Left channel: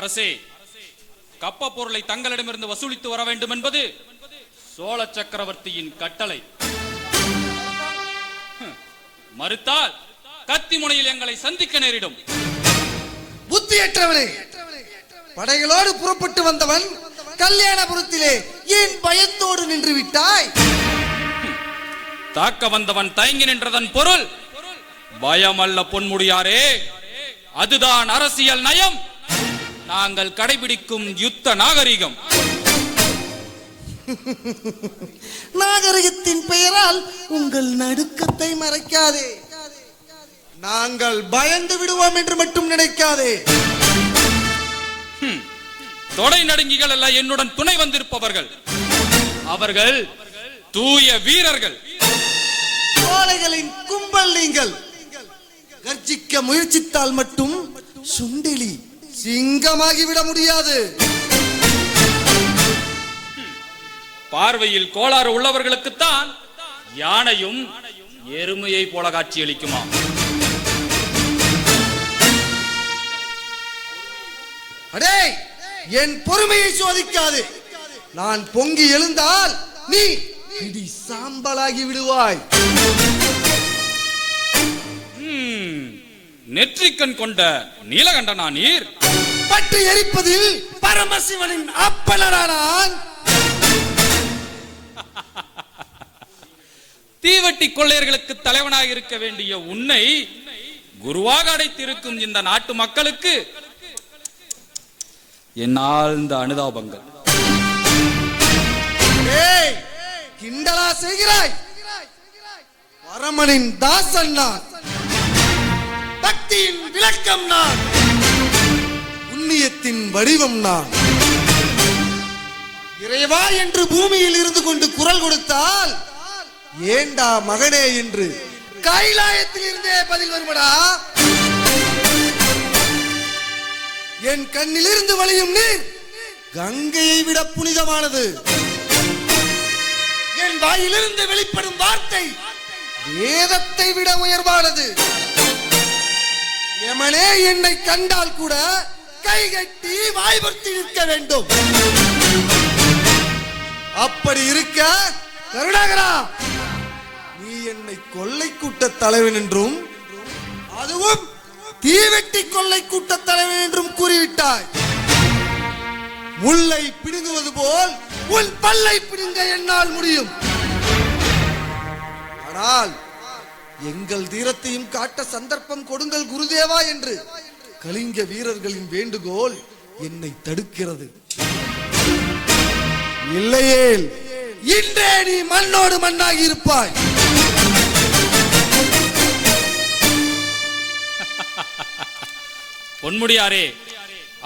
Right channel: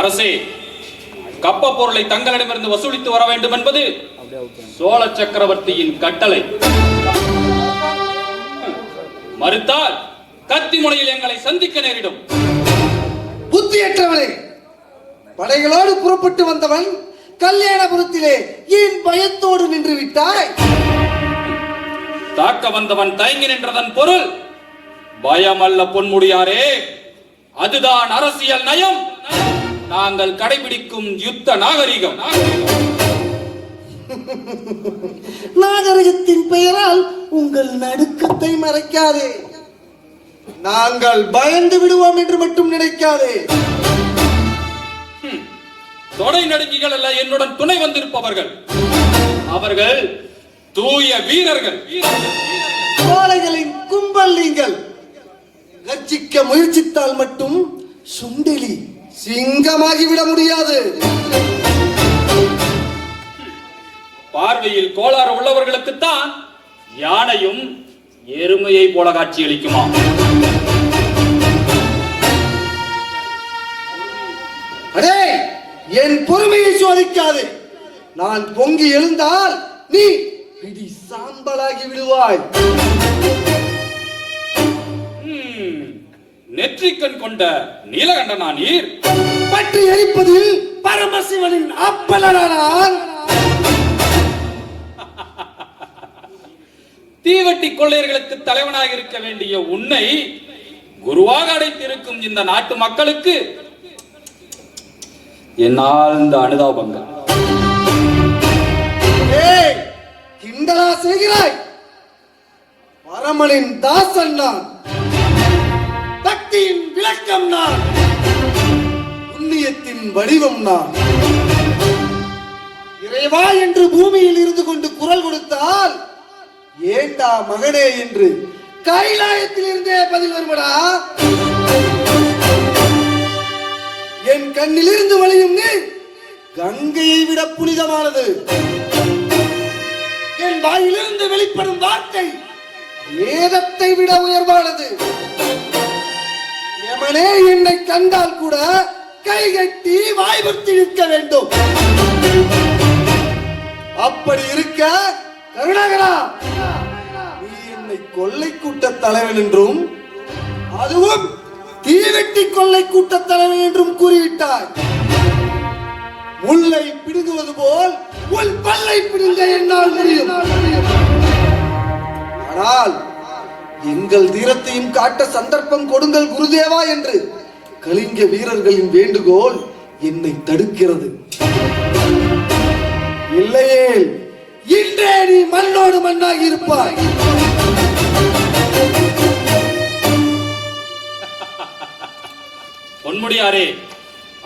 அரசே, கப்ப பொருளை தங்களிடமிருந்து வசூலித்து வர வேண்டும் என்பது சோழ சக்கரவர்த்தியின் கட்டளை. மறுத்தால் கத்தி முனையில் எங்களை சந்திக்க நேரிடும். புத்தியற்றவனே, படைகளோடு புறப்பட்டு வந்தவன் கல்யாணபுரத்திலே ஏன் பயத்தோடு நின்று விட்டாய்? தாக்க வந்தவன் தயங்கி நின்றதன் பொருள் பயம் அல்ல பொன்முடியாரே, அதுதான் அரசியல் நயம், நாங்கள் கடைபிடிக்கும் யுத்த நாகரிகம். நாகரிகத்தின் பெயரால் உங்கள் நடுக்கத்தை மறைக்காதே. நாங்கள் பயந்து விடுவோம் என்று மட்டும் நினைக்காதே. தொடை நடுங்கிகள் அல்ல என்னுடன் துணை வந்திருப்பவர்கள். அவர்கள் தூய வீரர்கள். கோழைகளின் கும்பல் நீங்கள். கர்ஜிக்க முயற்சித்தால் மட்டும் சுண்டெலி சிங்கமாகிவிட முடியாது. பார்வையில் கோளாறு உள்ளவர்களுக்குத்தான் யானையும் எருமையை போல காட்சியளிக்குமா? அடே, என் பொறுமையை சோதிக்காதே. நான் பொங்கி எழுந்தால் நீ இடி சாம்பலாகி விடுவாய். நெற்றிக்கண் கொண்ட நீலகண்டனா நீர்? பற்றி எரிப்பதில் பரமசிவனின் அப்பலனானான். தீவட்டி கொள்ளையர்களுக்கு தலைவனாக இருக்க வேண்டிய உன்னை குருவாக அடைத்திருக்கும் இந்த நாட்டு மக்களுக்கு என்னால் இந்த அனுதாபங்கள். கிண்டலா செய்கிறாய்? பரமனின் தாசன் நான், பக்தியின் விளக்கம் நான், புண்ணியத்தின் வடிவம் நான். இறைவா என்று பூமியில் இருந்து கொண்டு குரல் கொடுத்தால் ஏண்டா மகனே என்று கைலாயத்தில் இருந்தே பதில் வருவடா. என் கண்ணிலிருந்து வழியும் நீர் கங்கையை விட புனிதமானது. என் வாயிலிருந்து வெளிப்படும் வார்த்தை வேதத்தை விட உயர்வானது. எமனே என்னை கண்டால் கூட கை கட்டி வாய்பக்தி நிற்க வேண்டும். அப்படி இருக்க கருணாகரா, நீ என்னை கொள்ளை கூட்ட தலைவன் என்றும் அதுவும் தீவெட்டி கொள்ளை கூட்ட தலைவன் என்றும் கூறிவிட்டாய். முல்லை பிடுங்குவது போல் உன் பல்லை பிடுங்க என்னால் முடியும். ஆனால் எங்கள் தீரத்தையும் காட்ட சந்தர்ப்பம் கொடுங்கள் குருதேவா என்று கலிங்க வீரர்களின் வேண்டுகோள் என்னை தடுக்கிறது. இல்லையே இன்றே நீ மண்ணோடு மண்ணாகி இருப்பாய். பொன்முடியாரே,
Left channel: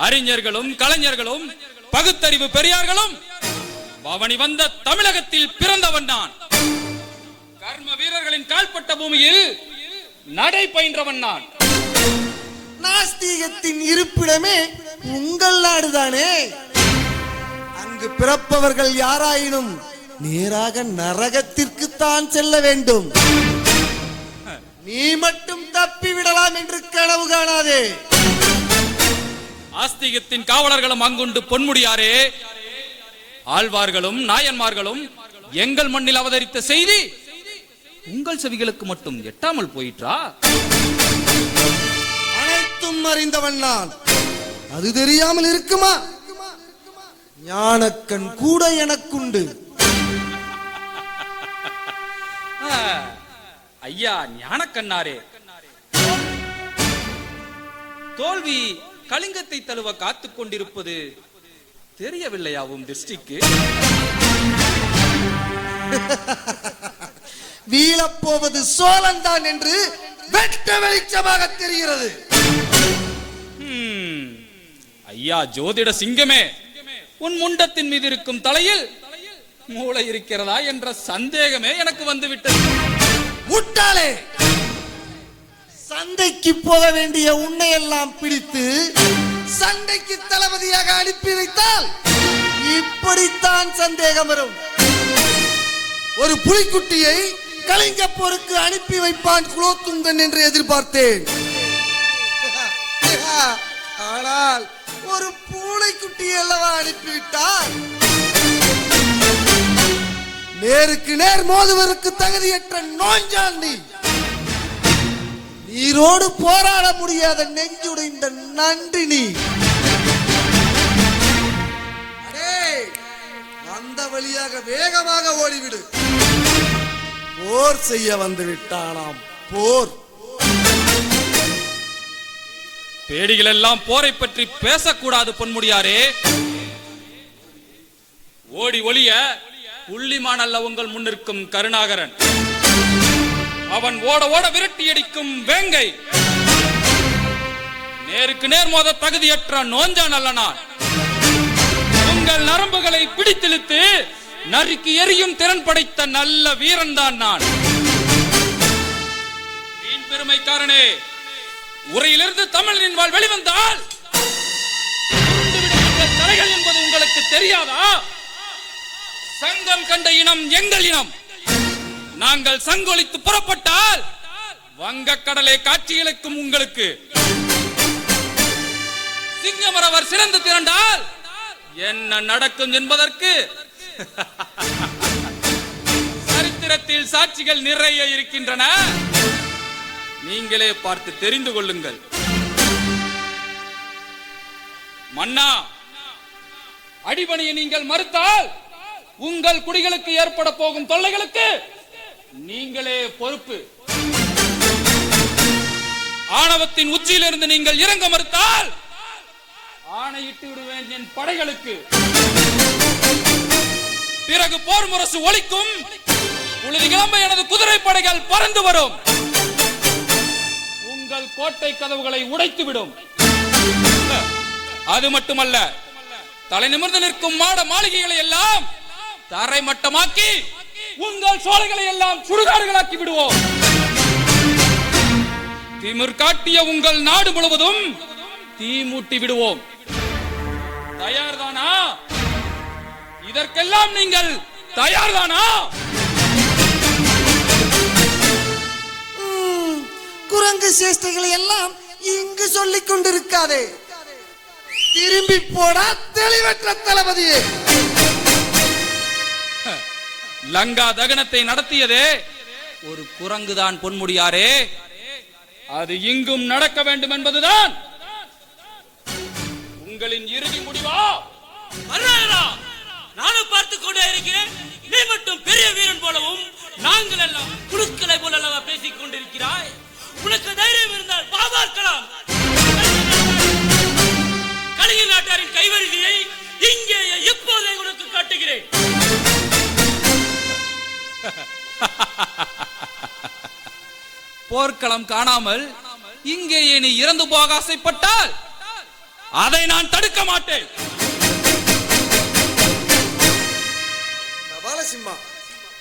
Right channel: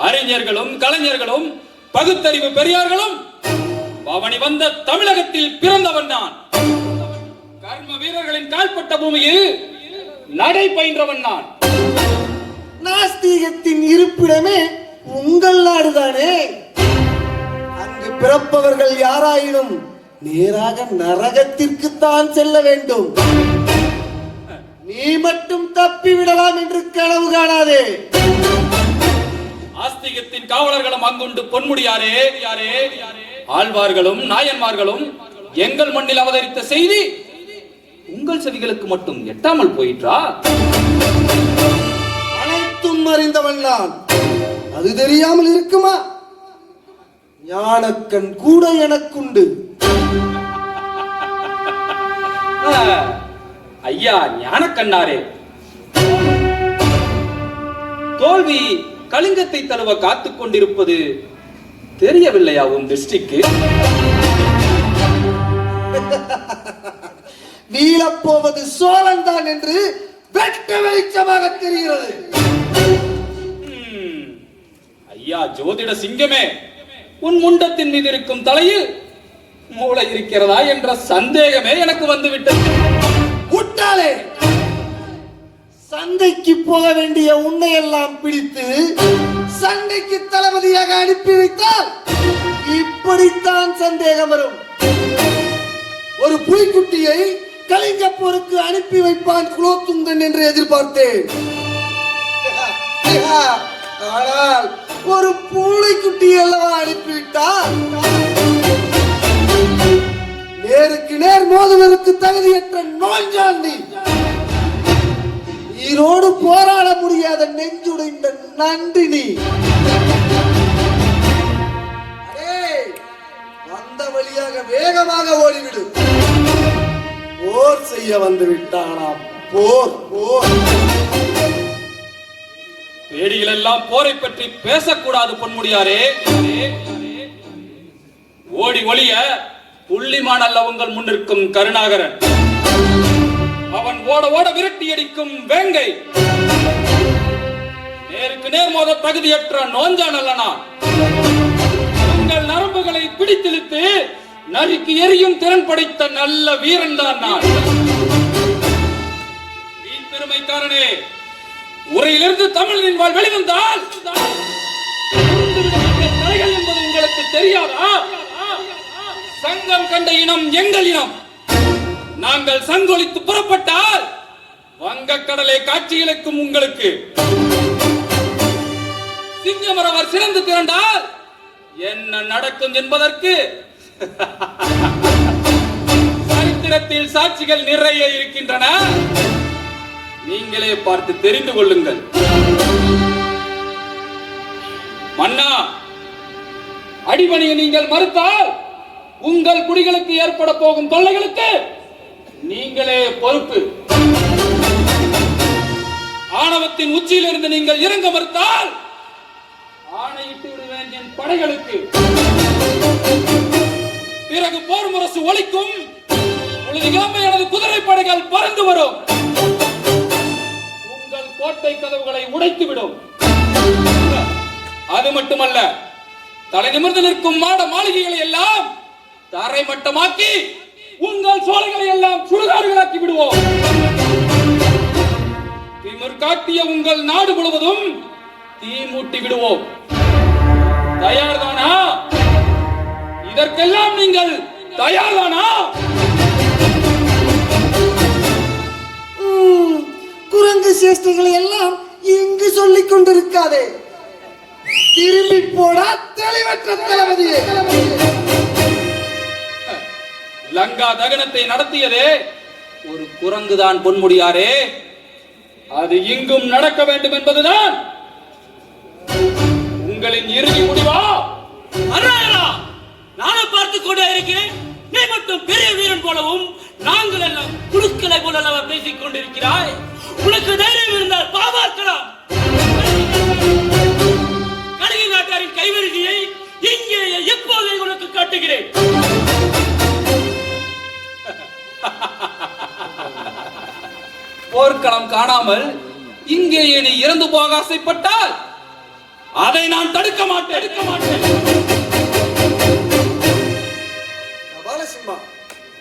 அறிஞர்களும் கலைஞர்களும் பகுத்தறிவு பெரியார்களும் பவனி வந்த தமிழகத்தில் பிறந்தவன் நான். கர்ம வீரர்களின் கால்பட்ட பூமியில் நடை பயின்றவன் நான். நாஸ்திகத்தின் இருப்பிடமே உங்கள் நாடுதானே. அங்கு பிறப்பவர்கள் யாராயினும் நேராக நரகத்திற்கு தான் செல்ல வேண்டும். நீ மட்டும் தப்பி விடலாம் என்று கனவு காணாதே. ஆஸ்திகத்தின் காவலர்களும் அங்குண்டு பொன்முடியாரே. ஆழ்வார்களும் நாயன்மார்களும் எங்கள் மண்ணில் அவதரித்த செய்தி உங்கள் செவிகளுக்கு மட்டும் எட்டாமல் போயிற்றா? அனைத்தும் அறிந்தவன் நான். அது தெரியாமல் இருக்குமா? ஞானக்கண் கூட எனக்குண்டு. ஐயா ஞானக்கண்ணாரே, தோல்வி கலிங்கத்தை தழுவ காத்துக் கொண்டிருப்பது தெரியவில்லையா உன் திருஷ்டிக்கு? வீழப்போவது சோழன் தான் என்று வெட்ட வெளிச்சமாக தெரிகிறது. ஐயா ஜோதிட சிங்கமே, உன் முண்டத்தின் மீது இருக்கும் தலையில் மூளை இருக்கிறதா என்ற சந்தேகமே எனக்கு வந்துவிட்டது. முட்டாளே, சண்டைக்கு போக வேண்டிய உன்னை எல்லாம் பிடித்து சண்டைக்கு தளபதியாக அனுப்பி வைத்தால் இப்படித்தான் சந்தேகம் வரும். ஒரு புலிக்குட்டியை கலிங்க போருக்கு அனுப்பி வைப்பான் குலோத்துங்கன் என்று எதிர்பார்த்தேன். ஆனால் ஒரு பூனைக்குட்டி அல்லவா அனுப்பிவிட்டார். நேருக்கு நேர் மோதுவதற்கு தகுதியற்ற நோஞ்சாந்தி, ஈரோடு போராட முடியாத நெஞ்சுடைந்த நன்றினி. அந்த வழியாக வேகமாக ஓடிவிடு. போர் செய்ய வந்து விட்டானாம். போர் போர். பேடிகள் எல்லாம் போரை பற்றி பேசக்கூடாது பொன்முடியாரே. ஓடி ஒளிய புள்ளிமான் அல்ல உங்கள் முன்னிற்கும் கருணாகரன். அவன் ஓட ஓட விரட்டி அடிக்கும் வேங்கை. நேருக்கு நேர் மோத தகுதியற்ற நோஞ்சான் அல்லனா. உங்கள் நரம்புகளை பிடித்திழுத்து நறுக்கி எரியும் திறன் படைத்த நல்ல வீரன் தான் நான். வீண் பெருமைக்காரனே, உரையிலிருந்து தமிழின் வாழ் வெளிவந்தால் கரைகள் என்பது உங்களுக்கு தெரியாதா? சங்கம் கண்ட இனம் எங்கள் இனம். நாங்கள் சங்கொலித்து புறப்பட்டால் வங்கக்கடலை காட்சிகளுக்கும் உங்களுக்கு. சிங்கமரவர் சிறந்து திரண்டால் என்ன நடக்கும் என்பதற்கு சரித்திரத்தில் சாட்சிகள் நிறைய இருக்கின்றன. நீங்களே பார்த்து தெரிந்து கொள்ளுங்கள். மன்னா, அடிபணியை நீங்கள் மறுத்தால் உங்கள் குடிகளுக்கு ஏற்பட போகும் தொல்லைகளுக்கு நீங்களே பொறுப்பு. ஆணவத்தின் உச்சியிலிருந்து நீங்கள் இறங்க மறுத்தால் ஆணையிட்டு விடுவேன் என் படைகளுக்கு. பிறகு போர் முரசு ஒலிக்கும். பொழுது கிளம்ப எனது குதிரை படைகள் பறந்து வரும். உங்கள் கோட்டை கதவுகளை உடைத்து விடும். அது மட்டுமல்ல, தலை நிமிர்ந்து நிற்கும் மாட மாளிகைகளை எல்லாம் தரை மட்டமாக்கி உங்கள் சோலைகளை எல்லாம் சுடுகாடுகளாக்கி விடுவோம். திமிர் காட்டிய உங்கள் நாடு முழுவதும் தீ மூட்டி விடுவோம். தயார்தானா? இதற்கெல்லாம் நீங்கள் தயார்தானா? குரங்கு சேஷ்டைகளை எல்லாம் இங்கு சொல்லிக் கொண்டிருக்காதே. திரும்பி போடா தெளிவற்ற தளபதியே. லங்கா தகனத்தை நடத்தியதே ஒரு குரங்குதான் பொன்முடியாரே. அது இங்கும் நடக்க வேண்டும் என்பதுதான் உங்களின் இறுதி முடிவா? நானும் பார்த்துக் கொண்டே இருக்கிறேன். நீ மட்டும் பெரிய வீரன் போலவும் நாங்கள் எல்லாம் குழுக்களை போல பேசிக் கொண்டிருக்கிறாய். உனக்கு தைரியம் இருந்தால் பாதுகாக்கலாம். கலிங்க நாட்டாரின் கைவரிசையை இங்கே எப்போதை உனக்கு காட்டுகிறேன். போர்க்களம் காணாமல் இங்கே நீ இறந்து போக ஆசைப்பட்டால் அதை நான் தடுக்க மாட்டேன்.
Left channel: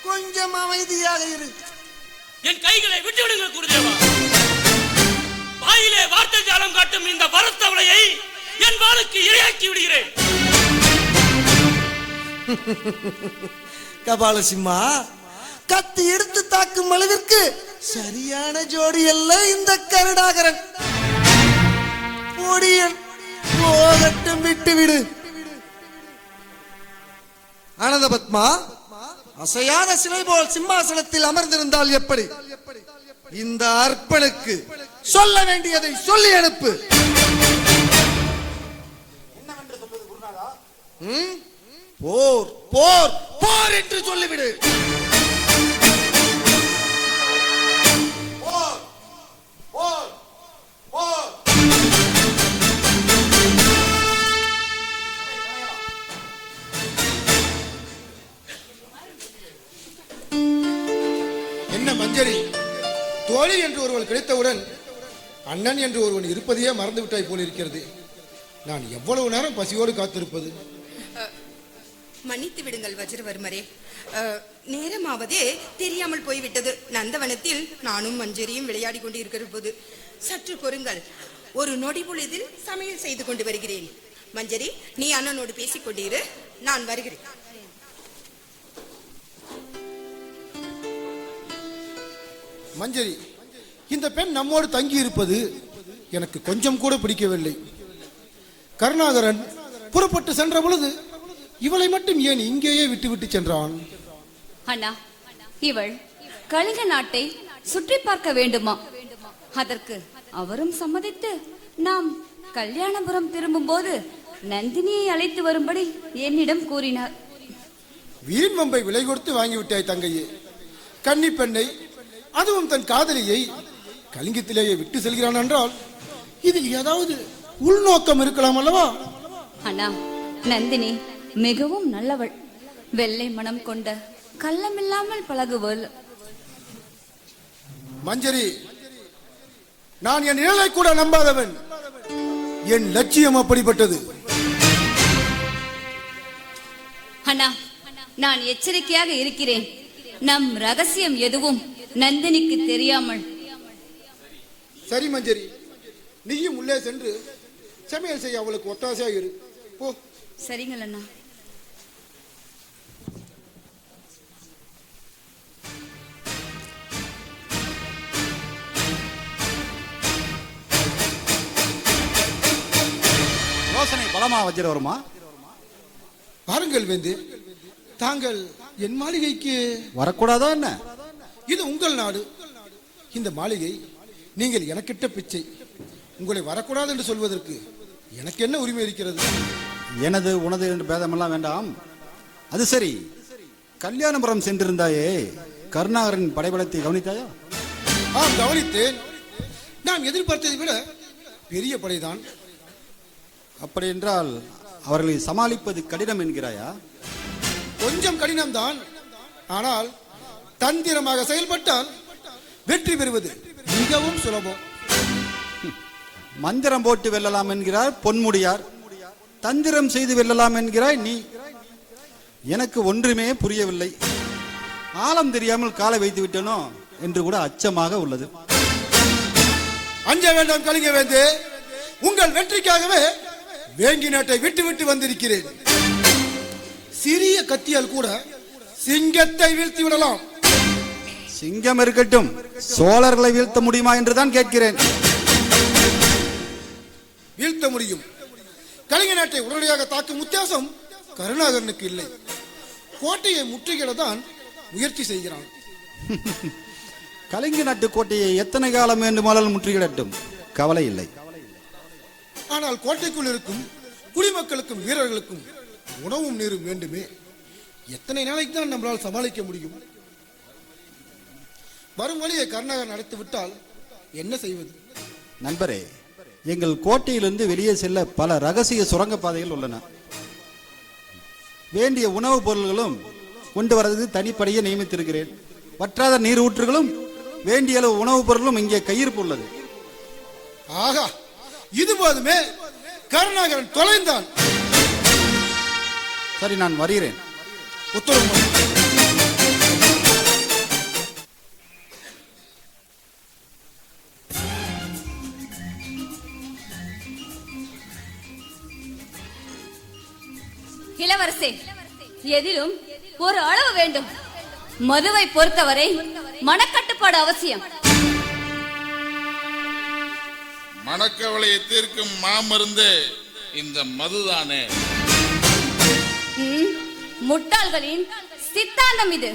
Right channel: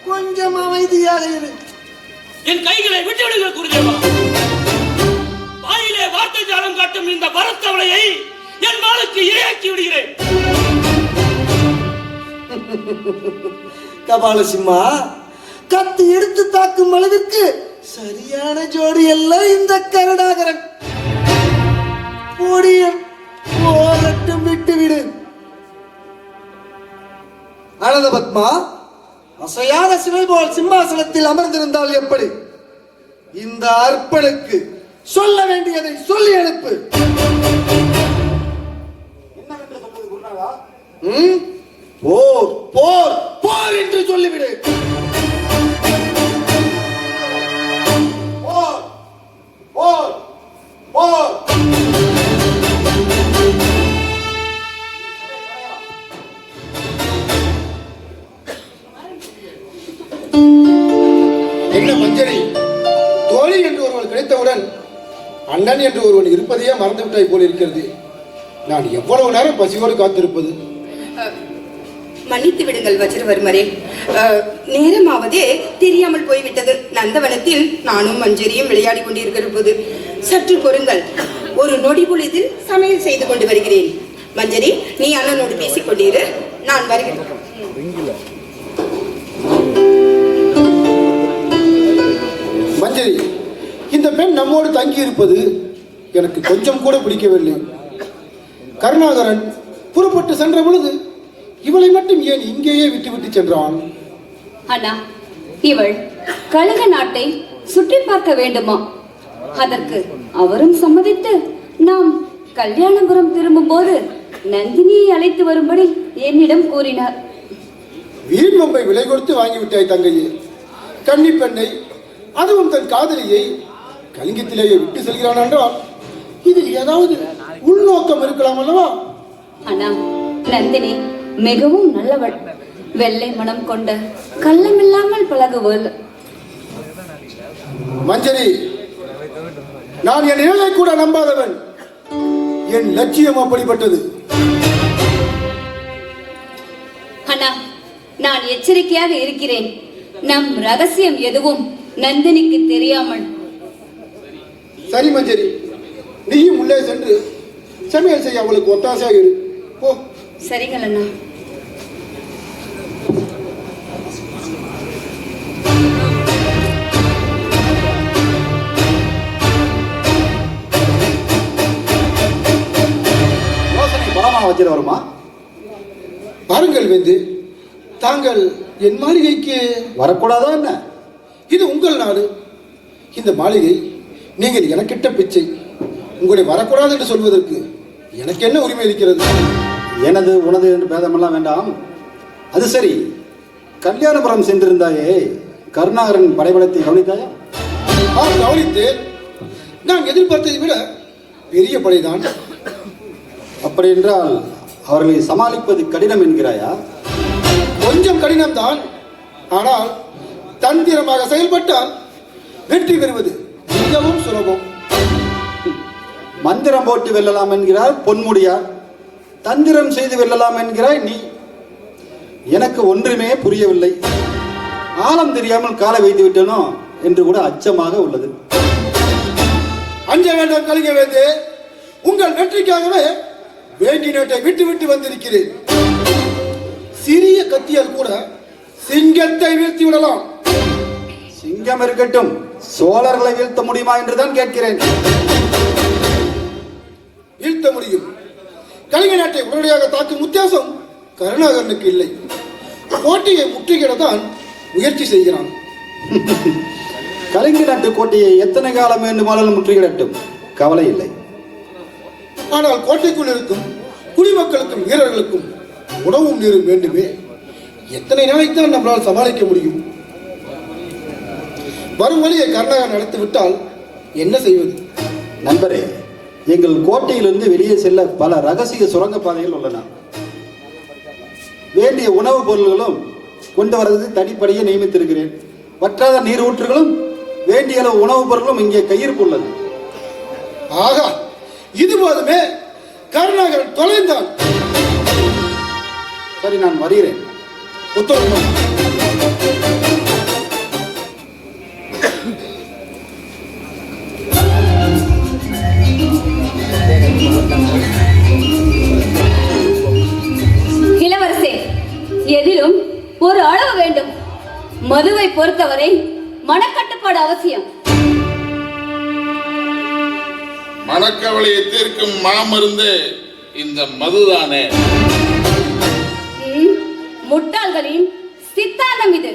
கொஞ்சம் அமைதியாக இரு. என் கைகளை விட்டுவிடுங்கள் குருதேவா. வாயிலே வார்த்தை ஜாலம் காட்டும் இந்த வரத்தவளையை என் வாளுக்கு இரையாக்கி விடுகிறேன். கபாலசிம்மா, கத்தி எடுத்து தாக்கும் அளவிற்கு சரியான ஜோடி அல்ல இந்த கருணாகரன். போகட்டும், விட்டுவிடு. ஆனந்த பத்மா, அசையாத சிலை போல் சிம்மாசனத்தில் அமர்ந்திருந்தால் எப்படி? இந்த அற்பனுக்கு சொல்ல வேண்டியதை சொல்லி அனுப்பு. போர் போர் போர் என்று சொல்லிவிடு. போர் போர் போர். என்ன மஞ்சரி, தோழி என்று ஒருவன் கிடைத்தவுடன் அண்ணன் என்று ஒருவன் இருப்பதையே மறந்துவிட்டாய் போல் இருக்கிறது. நான் எவ்வளவு நேரம் பசியோடு காத்திருப்பது? மன்னித்து விடுங்கள் வஜ்ரவர்மரே, நேரமாவதே தெரியாமல் போய்விட்டது. நந்தவனத்தில் நானும் மஞ்சரியும் விளையாடி கொண்டிருக்கிற போது சற்று பொறுங்கள். ஒரு நொடி பொழுதில் சமையல் செய்து கொண்டு வருகிறேன். மஞ்சரி, நீ அண்ணனோடு பேசிக் கொண்டிரு, நான் வருகிறேன். மஞ்சரி, இந்த பெண் நம்மோடு தங்கி இருப்பது எனக்கு கொஞ்சம் கூட பிடிக்கவில்லை. கருணாகரன் புறப்பட்டு சென்ற பொழுது இவளை மட்டும் ஏன் இங்கேயே விட்டு சென்றான்? அண்ணா, இவள் கலிங்க நாட்டை சுற்றி பார்க்க வேண்டுமா? அதற்கு அவரும் சம்மதித்து நாம் கல்யாணபுரம் திரும்பும் போது நந்தினியை அழைத்து வரும்படி என்னிடம் கூறினார். வீண் வம்பை விலை கொடுத்து வாங்கிவிட்டாய் தங்கையே. கன்னி பெண்ணை, அதுவும் தன் காதலியை கலிங்கத்திலேயே விட்டு செல்கிறான் என்றால் இதில் ஏதாவது உள்நோக்கம் இருக்கலாம் அல்லவா? அண்ணா, நந்தினி மிகவும் நல்லவள். வெள்ளை மனம் கொண்ட கள்ளமில்லாமல் பழகுவள். மஞ்சரி, நான் என் நிழலை கூட நம்பாதவன். என் லட்சியம் அப்படிப்பட்டது. அண்ணா, நான் எச்சரிக்கையாக இருக்கிறேன். நம் ரகசியம் எதுவும் நந்தினிக்கு தெரியாமல். சரி மஞ்சரி, நீயும் உள்ளே சென்று சமையல் செய்ய அவளுக்கு ஒத்தாசையாக இரு. போ. சரிங்கள் அண்ணா. வச்சிட வருமா? பாருங்கள் வேந்து, தாங்கள் என் மாளிகைக்கு வரக்கூடாதா என்ன? இது உங்கள் நாடு. இந்த மாளிகை நீங்கள் எனக்கிட்ட பிச்சை. உங்களை வரக்கூடாது என்று சொல்வதற்கு எனக்கு என்ன உரிமை இருக்கிறது? எனது உனது என்று பேதமெல்லாம் வேண்டாம். அது சரி, கல்யாணபுரம் சென்றிருந்தாயே, கருணாகரன் படைபலத்தை கவனித்தாயா? கவனித்தேன். நான் எதிர்பார்த்ததை விட பெரிய படைதான். அப்படி என்றால் அவர்களை சமாளிப்பது கடினம் என்கிறாயா? கொஞ்சம் கடினம்தான். ஆனால் தந்திரமாக செயல்பட்டால் வெற்றி பெறுவது மிகவும் சுலபம். மந்திரம் போட்டு வெல்லலாம் என்கிறார் பொன்முடியார், தந்திரம் செய்து வெல்லலாம் என்கிறாய் நீ. எனக்கு ஒன்றுமே புரியவில்லை. ஆழம் தெரியாமல் காலை வைத்து விட்டனோ என்று கூட அச்சமாக உள்ளது. அஞ்ச வேண்டாம் கலிங்க வேந்து, உங்கள் வெற்றிக்காகவே வேங்கி நாட்டை விட்டு விட்டு வந்திருக்கிறேன். சிறிய கத்தியால் கூட சிங்கத்தை வீழ்த்தி விடலாம். சிங்கம் இருக்கட்டும், சோழர்களை வீழ்த்த முடியுமா என்றுதான் கேட்கிறேன். வீழ்த்த முடியும். கலிங்க நாட்டை உடனடியாக தாக்கும் உத்தியாசம் கருணாகரனுக்கு இல்லை. கோட்டையை முற்றுகையிடத்தான் முயற்சி செய்கிறான். கலிங்க நாட்டு கோட்டையை எத்தனை காலம் வேண்டுமானாலும் முற்றுகையிடட்டும், கவலை இல்லை. ஆனால் கோட்டைக்குள் இருக்கும் குடிமக்களுக்கும் வீரர்களுக்கும் உணவும் நீரும் வேண்டுமே. எத்தனை நாளைக்கு தான் நம்மளால் சமாளிக்க முடியும்? வரும் வழியை கருணாகரன் நடத்தி விட்டால் என்ன செய்வது? நண்பரே, எங்கள் கோட்டையிலிருந்து வெளியே செல்ல பல ரகசிய சுரங்க பாதைகள் உள்ளன. வேண்டிய உணவுப் பொருள்களும் கொண்டு வரது தனிப்படையே நியமித்திருக்கிறேன். வற்றாத நீர் ஊற்றுகளும் வேண்டிய அளவு உணவுப் பொருளும் இங்கே கையிருப்பு உள்ளது. ஆகா, இது போதுமே. கருணாகரன் தொலைந்தான். சரி, நான் வருகிறேன். உத்தரவு. இளவரசே, எதிலும் ஒரு அளவு வேண்டும். மதுவை பொறுத்தவரை மனக்கட்டுப்பாடு அவசியம். மனக்கவலையை தீர்க்கும் மாமருந்து இந்த மதுதானே. முட்டாள்களின் சித்தாந்தம் இது.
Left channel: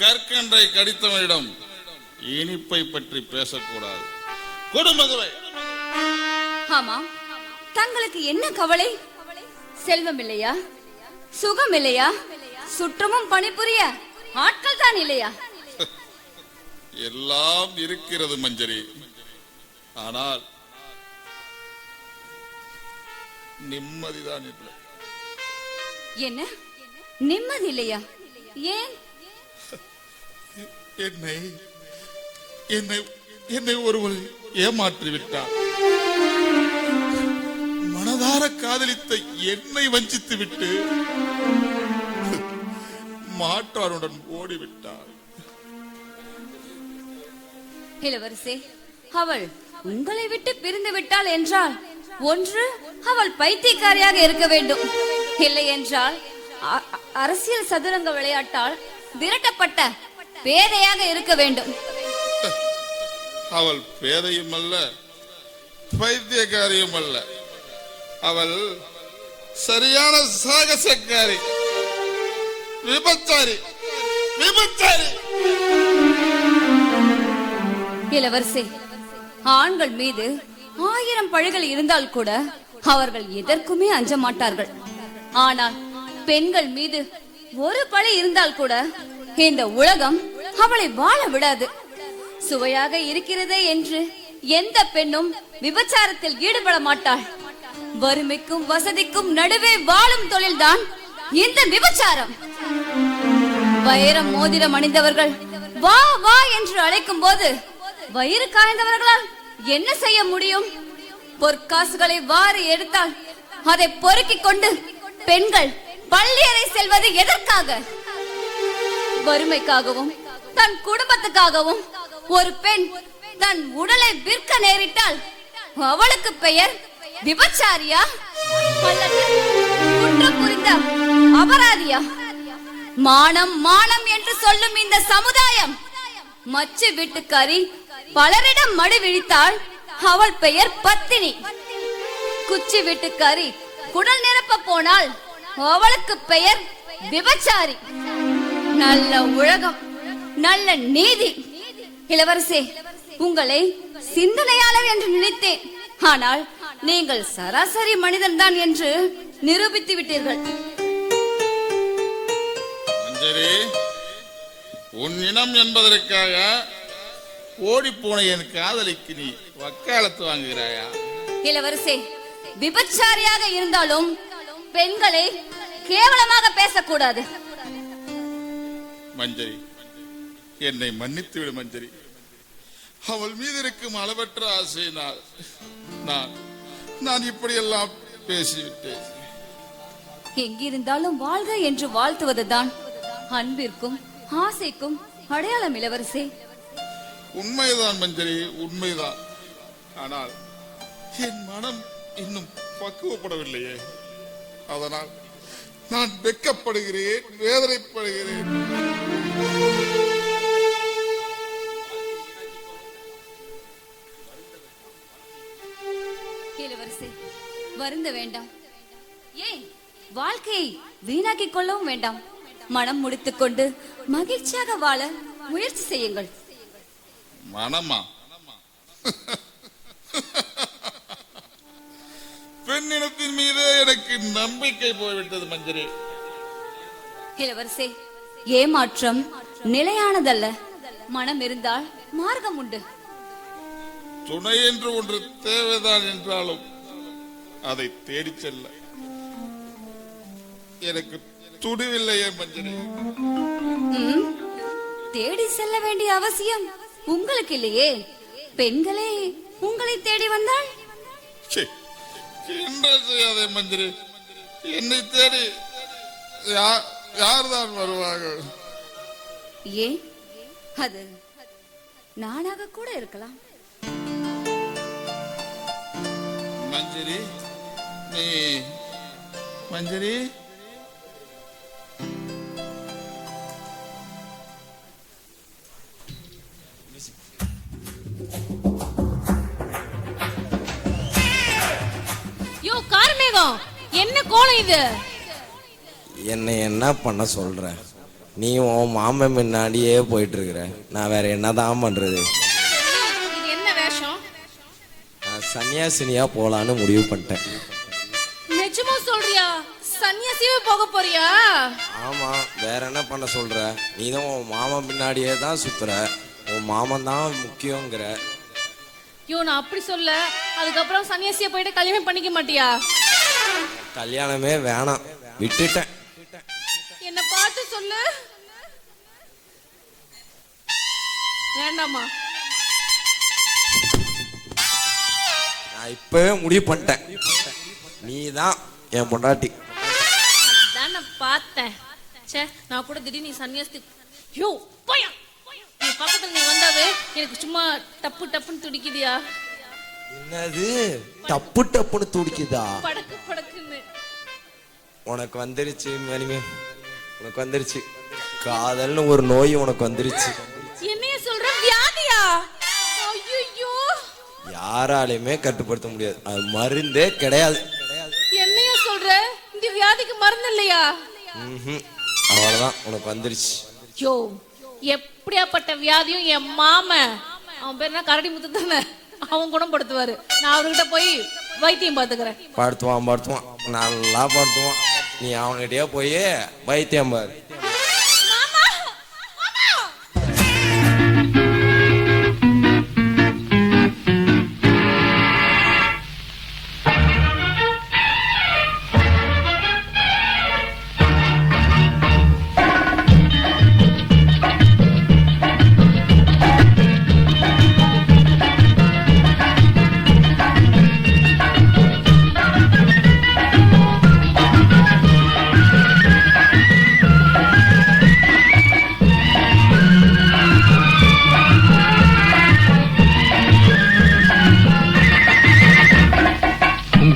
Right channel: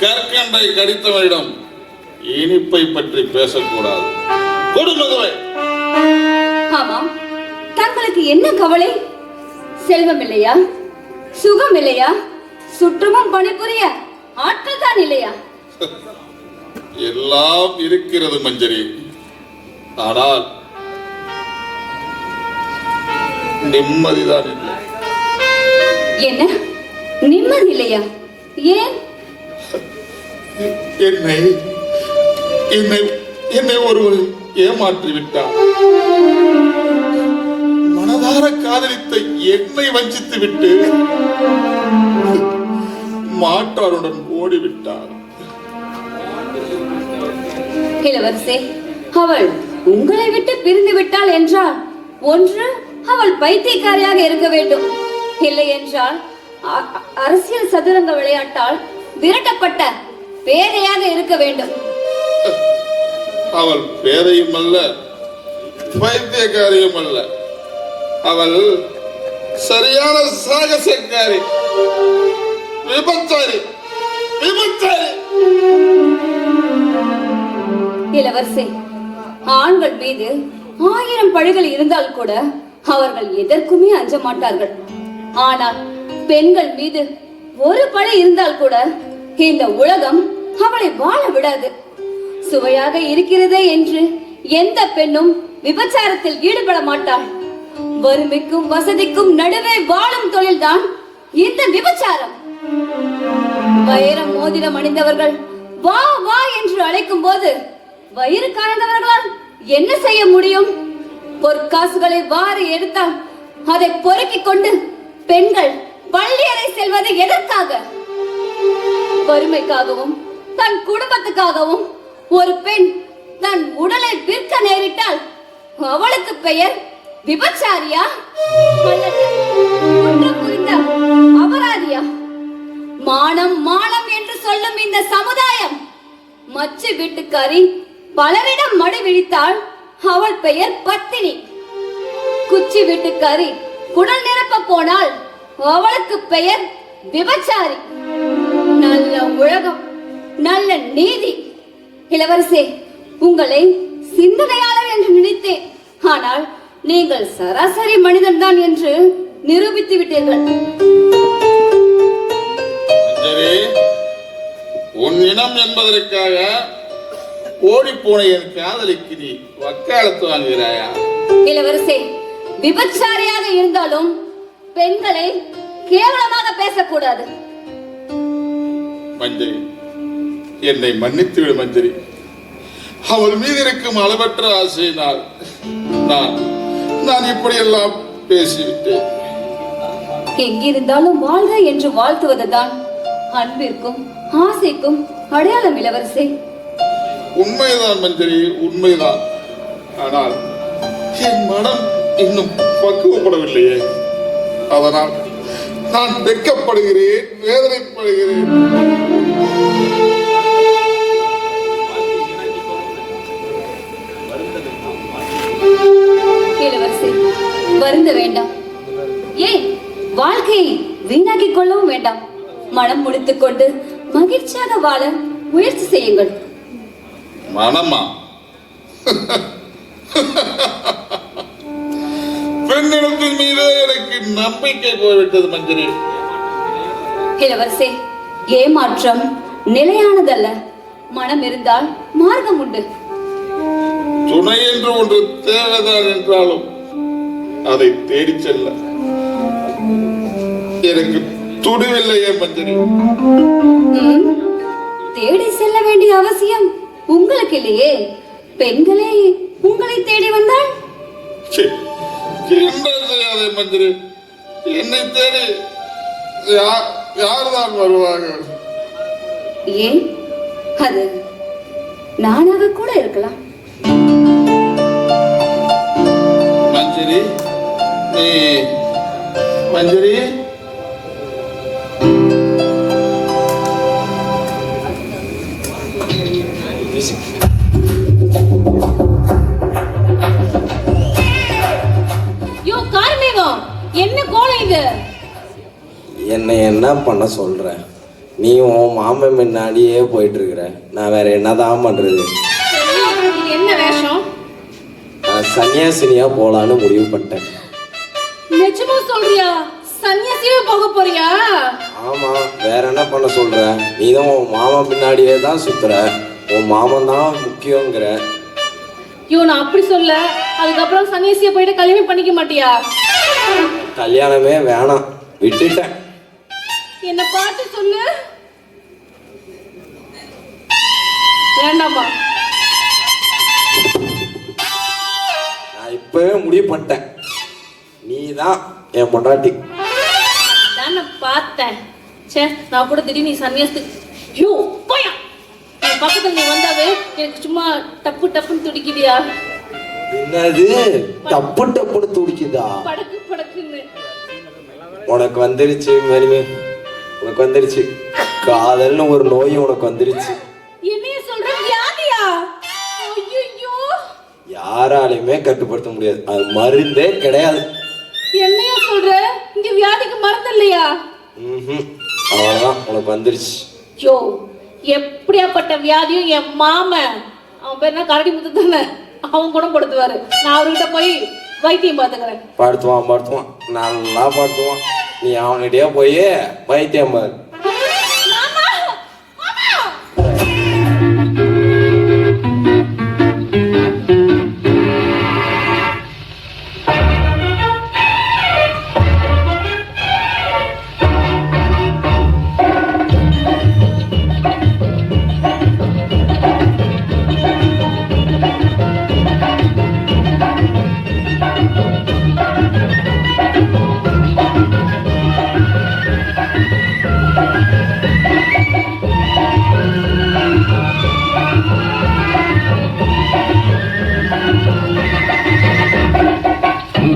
கற்கண்டை கடித்தவனிடம் இனிப்பை பற்றி பேசக்கூடாது. கொடு மதுவை. ஆமாம், தங்களுக்கு என்ன கவலை? செல்வம் இல்லையா? சுகம் இல்லையா? சுற்றமும் பணிபுரிய ஆட்கள் தான் இல்லையா? எல்லாம் இருக்கிறது மஞ்சரி. ஆனால் நிம்மதிதான் இல்லை. என்ன நிம்மதி இல்லையா? ஏன்? என்னை என்னை என்னை ஒருவர் ஏமாற்றி விட்டார். மனதார காதலித்த என்னை வஞ்சித்து விட்டு மாற்றாருடன் ஓடிவிட்டார். இளவரசே, அவள் உங்களை விட்டு பிரிந்து விட்டாள் என்றால் ஒன்று அவள் பைத்தியக்காரியாக இருக்க வேண்டும், இல்லை என்றால் அரசியல் சதுரங்க விளையாட்டால் விரட்டப்பட்ட பேதையாக இருக்க வேண்டும். அவள் பேரையும் அல்ல, பைத்தியக்காரியும் அல்ல, அவள் சரியான சாகசக்காரி, விபச்சாரி, விபச்சாரி. இளவரசி, ஆண்கள் மீது 1000 பழிகள் இருந்தால் கூட அவர்கள் எதற்குமே அஞ்ச மாட்டார்கள். ஆனால் பெண்கள் மீது ஒரு பழி இருந்தால் கூட இந்த உலகம் அவளை வாழ விடாது. சுவையாக இருக்கிறதே என்று எந்த பெண்ணும் விபச்சாரத்தில் ஈடுபட மாட்டாள். வறுமைக்கும் வசதிக்கும் நடுவே வாழும் தொழில்தான் இந்த விபச்சாரம். வைரம் மோதிரம் அணிந்தவர்கள் வா வா என்று அழைக்கும் போது வயிறு காய்ந்தவர்களால் என்ன செய்ய முடியும்? பொற்காசுகளை வாரி எடுத்தால் அதை பொறுக்கிக் கொண்டு பெண்கள் பள்ளியறை செல்வது எதற்காக? வறுமைக்காகவும் தன் குடும்பத்துக்காகவும் ஒரு பெண் தன் உடலை விற்க நேரிட்டால் அவளுக்கு பெயர் விபச்சாரியா அல்லது குற்றம் புரிந்த அபராதியா? மானம் மானம் என்று சொல்லும் இந்த சமுதாயம் மச்சு வீட்டுக்காரி பலரிடம் மடி விழித்தால் அவள் பெயர் பத்தினி. குச்சி வீட்டுக்காரி குடல் நிரப்ப போனால் அவளுக்கு பெயர் விபச்சாரி. நல்ல உலகம், நல்ல நீதி. இளவரசே, உங்களை சிந்தனையாளர் என்று நினைத்தேன். ஆனால் நீங்கள் சராசரி மனிதன் தான் என்று நிரூபித்து விட்டீர்கள். உன் இனம் என்பதற்காக ஓடிப்போன என் காதலிக்கு நீ வக்காலத்து வாங்குகிறாயா? இளவரசே, விபச்சாரியாக இருந்தாலும் பெண்களை கேவலமாக பேசக்கூடாது. மஞ்சரி, என்னை மன்னித்து விடு மஞ்சரி. அவள் மீது இருக்கும் அளவற்ற ஆசையினால் நான் இப்படியெல்லாம் பேசிவிட்டேன். எங்கிருந்தாலும் வாழ்க என்று வாழ்த்துவதுதான் அன்பிற்கும் ஆசைக்கும் அடையாளம். இளவரசே, உண்மைதான் மஞ்சரி, உண்மைதான். ஆனால் என் மனம் இன்னும் பக்குவப்படவில்லையே. அதனால் நான் வெட்கப்படுகிறேன், வேதனைப்படுகிறேன். இளவரசே, வருந்த வேண்டாம். ஏன் வாழ்க்கையை வீணாக்கிக் கொள்ளவும் வேண்டாம். மனம் முடித்துக் கொண்டு மகிழ்ச்சியாக வாழ முயற்சி செய்யுங்கள். மனமா? பெண்ணிடத்தின் மீது எனக்கு நம்பிக்கை போய்விட்டது மஞ்சரி. இளவரசே, ஏமாற்றம் நிலையானதல்ல. மனம் இருந்தால் மார்க்கம் உண்டு. துணை என்று ஒன்று தேவைதான் என்றாலும் அதை தேடி செல்ல எனக்கு துணிவில்லையே மஞ்சரி. தேடி செல்ல வேண்டிய அவசியம் உங்களுக்கு இல்லையே. பெண்களே உங்களை தேடி வந்தால் என்ன செய்யாதே மந்திரி. என்னை தேடி யார்தான் வருவாங்க? ஏன், அது நானாக கூட இருக்கலாம். மஞ்சரி, நீ மஞ்சரி, என்ன கோலம் இது? என்னை என்ன பண்ண சொல்ற? நீ உன் மாமன் முன்னாடியே போயிட்டு இருக்கிற. நான் வேற என்னதான் பண்றது? என்ன வேஷம்? சன்னியாசினியா போலான்னு முடிவு பண்ணிட்டேன். நிஜமா சொல்றியா? சன்னியாசியா போக போறியா? ஆமா, வேற என்ன பண்ண சொல்ற? நீதான் உன் மாமன் பின்னாடியே தான் சுத்துற. உன் மாமன் தான் முக்கியங்கிற. நான் அப்படி சொல்ல. அதுக்கப்புறம் சன்னியாசியா போயிட்டு கல்யாணம் பண்ணிக்க மாட்டியா? கல்யாணமே வேணாம், விட்டுட்டேன். என்ன பார்த்து சொல்லு. வேண்டாமா? நான் இப்பவே முடிவு பண்ணிட்டேன். நீதான் என் பொண்டாட்டி. நான் பார்த்தேன். நான் கூட திடீர்னு நீ சன்னியாசத்துக்கு பையா என் பக்கத்துல நீ வந்தாவே எனக்கு சும்மா டப்பு டப்புன்னு துடிக்குதியா? என்னது டப்பு டப்புன்னு துடிக்குதா? படக்கு படக்குன்னு. உனக்கு வந்துருச்சு மரிமே, உனக்கு வந்துருச்சு. காதல்னு ஒரு நோய் உனக்கு வந்துருச்சு. என்னைய சொல்ற? வியாதியா? ஐயோ, யாராலையுமே கட்டுப்படுத்த முடியாது. அது மருந்தே கிடையாது. என்னையா சொல்ற? இங்க வியாதிக்கு மருந்து இல்லையா? அவ்வளவுதான், உனக்கு வந்துருச்சு. யோ, எப்படியாப்பட்ட வியாதியும் என் மாமன், அவன் பேர் என்ன, கரடி முத்து தானே, அவன் குணப்படுத்துவாரு. நான் அவர்கிட்ட போய் வைத்தியம் பார்த்துக்கிறேன். படுத்துவான், நல்லா படுத்துவான். நீ அவன்கிட்டயே போய் வைத்தியம் பாரு.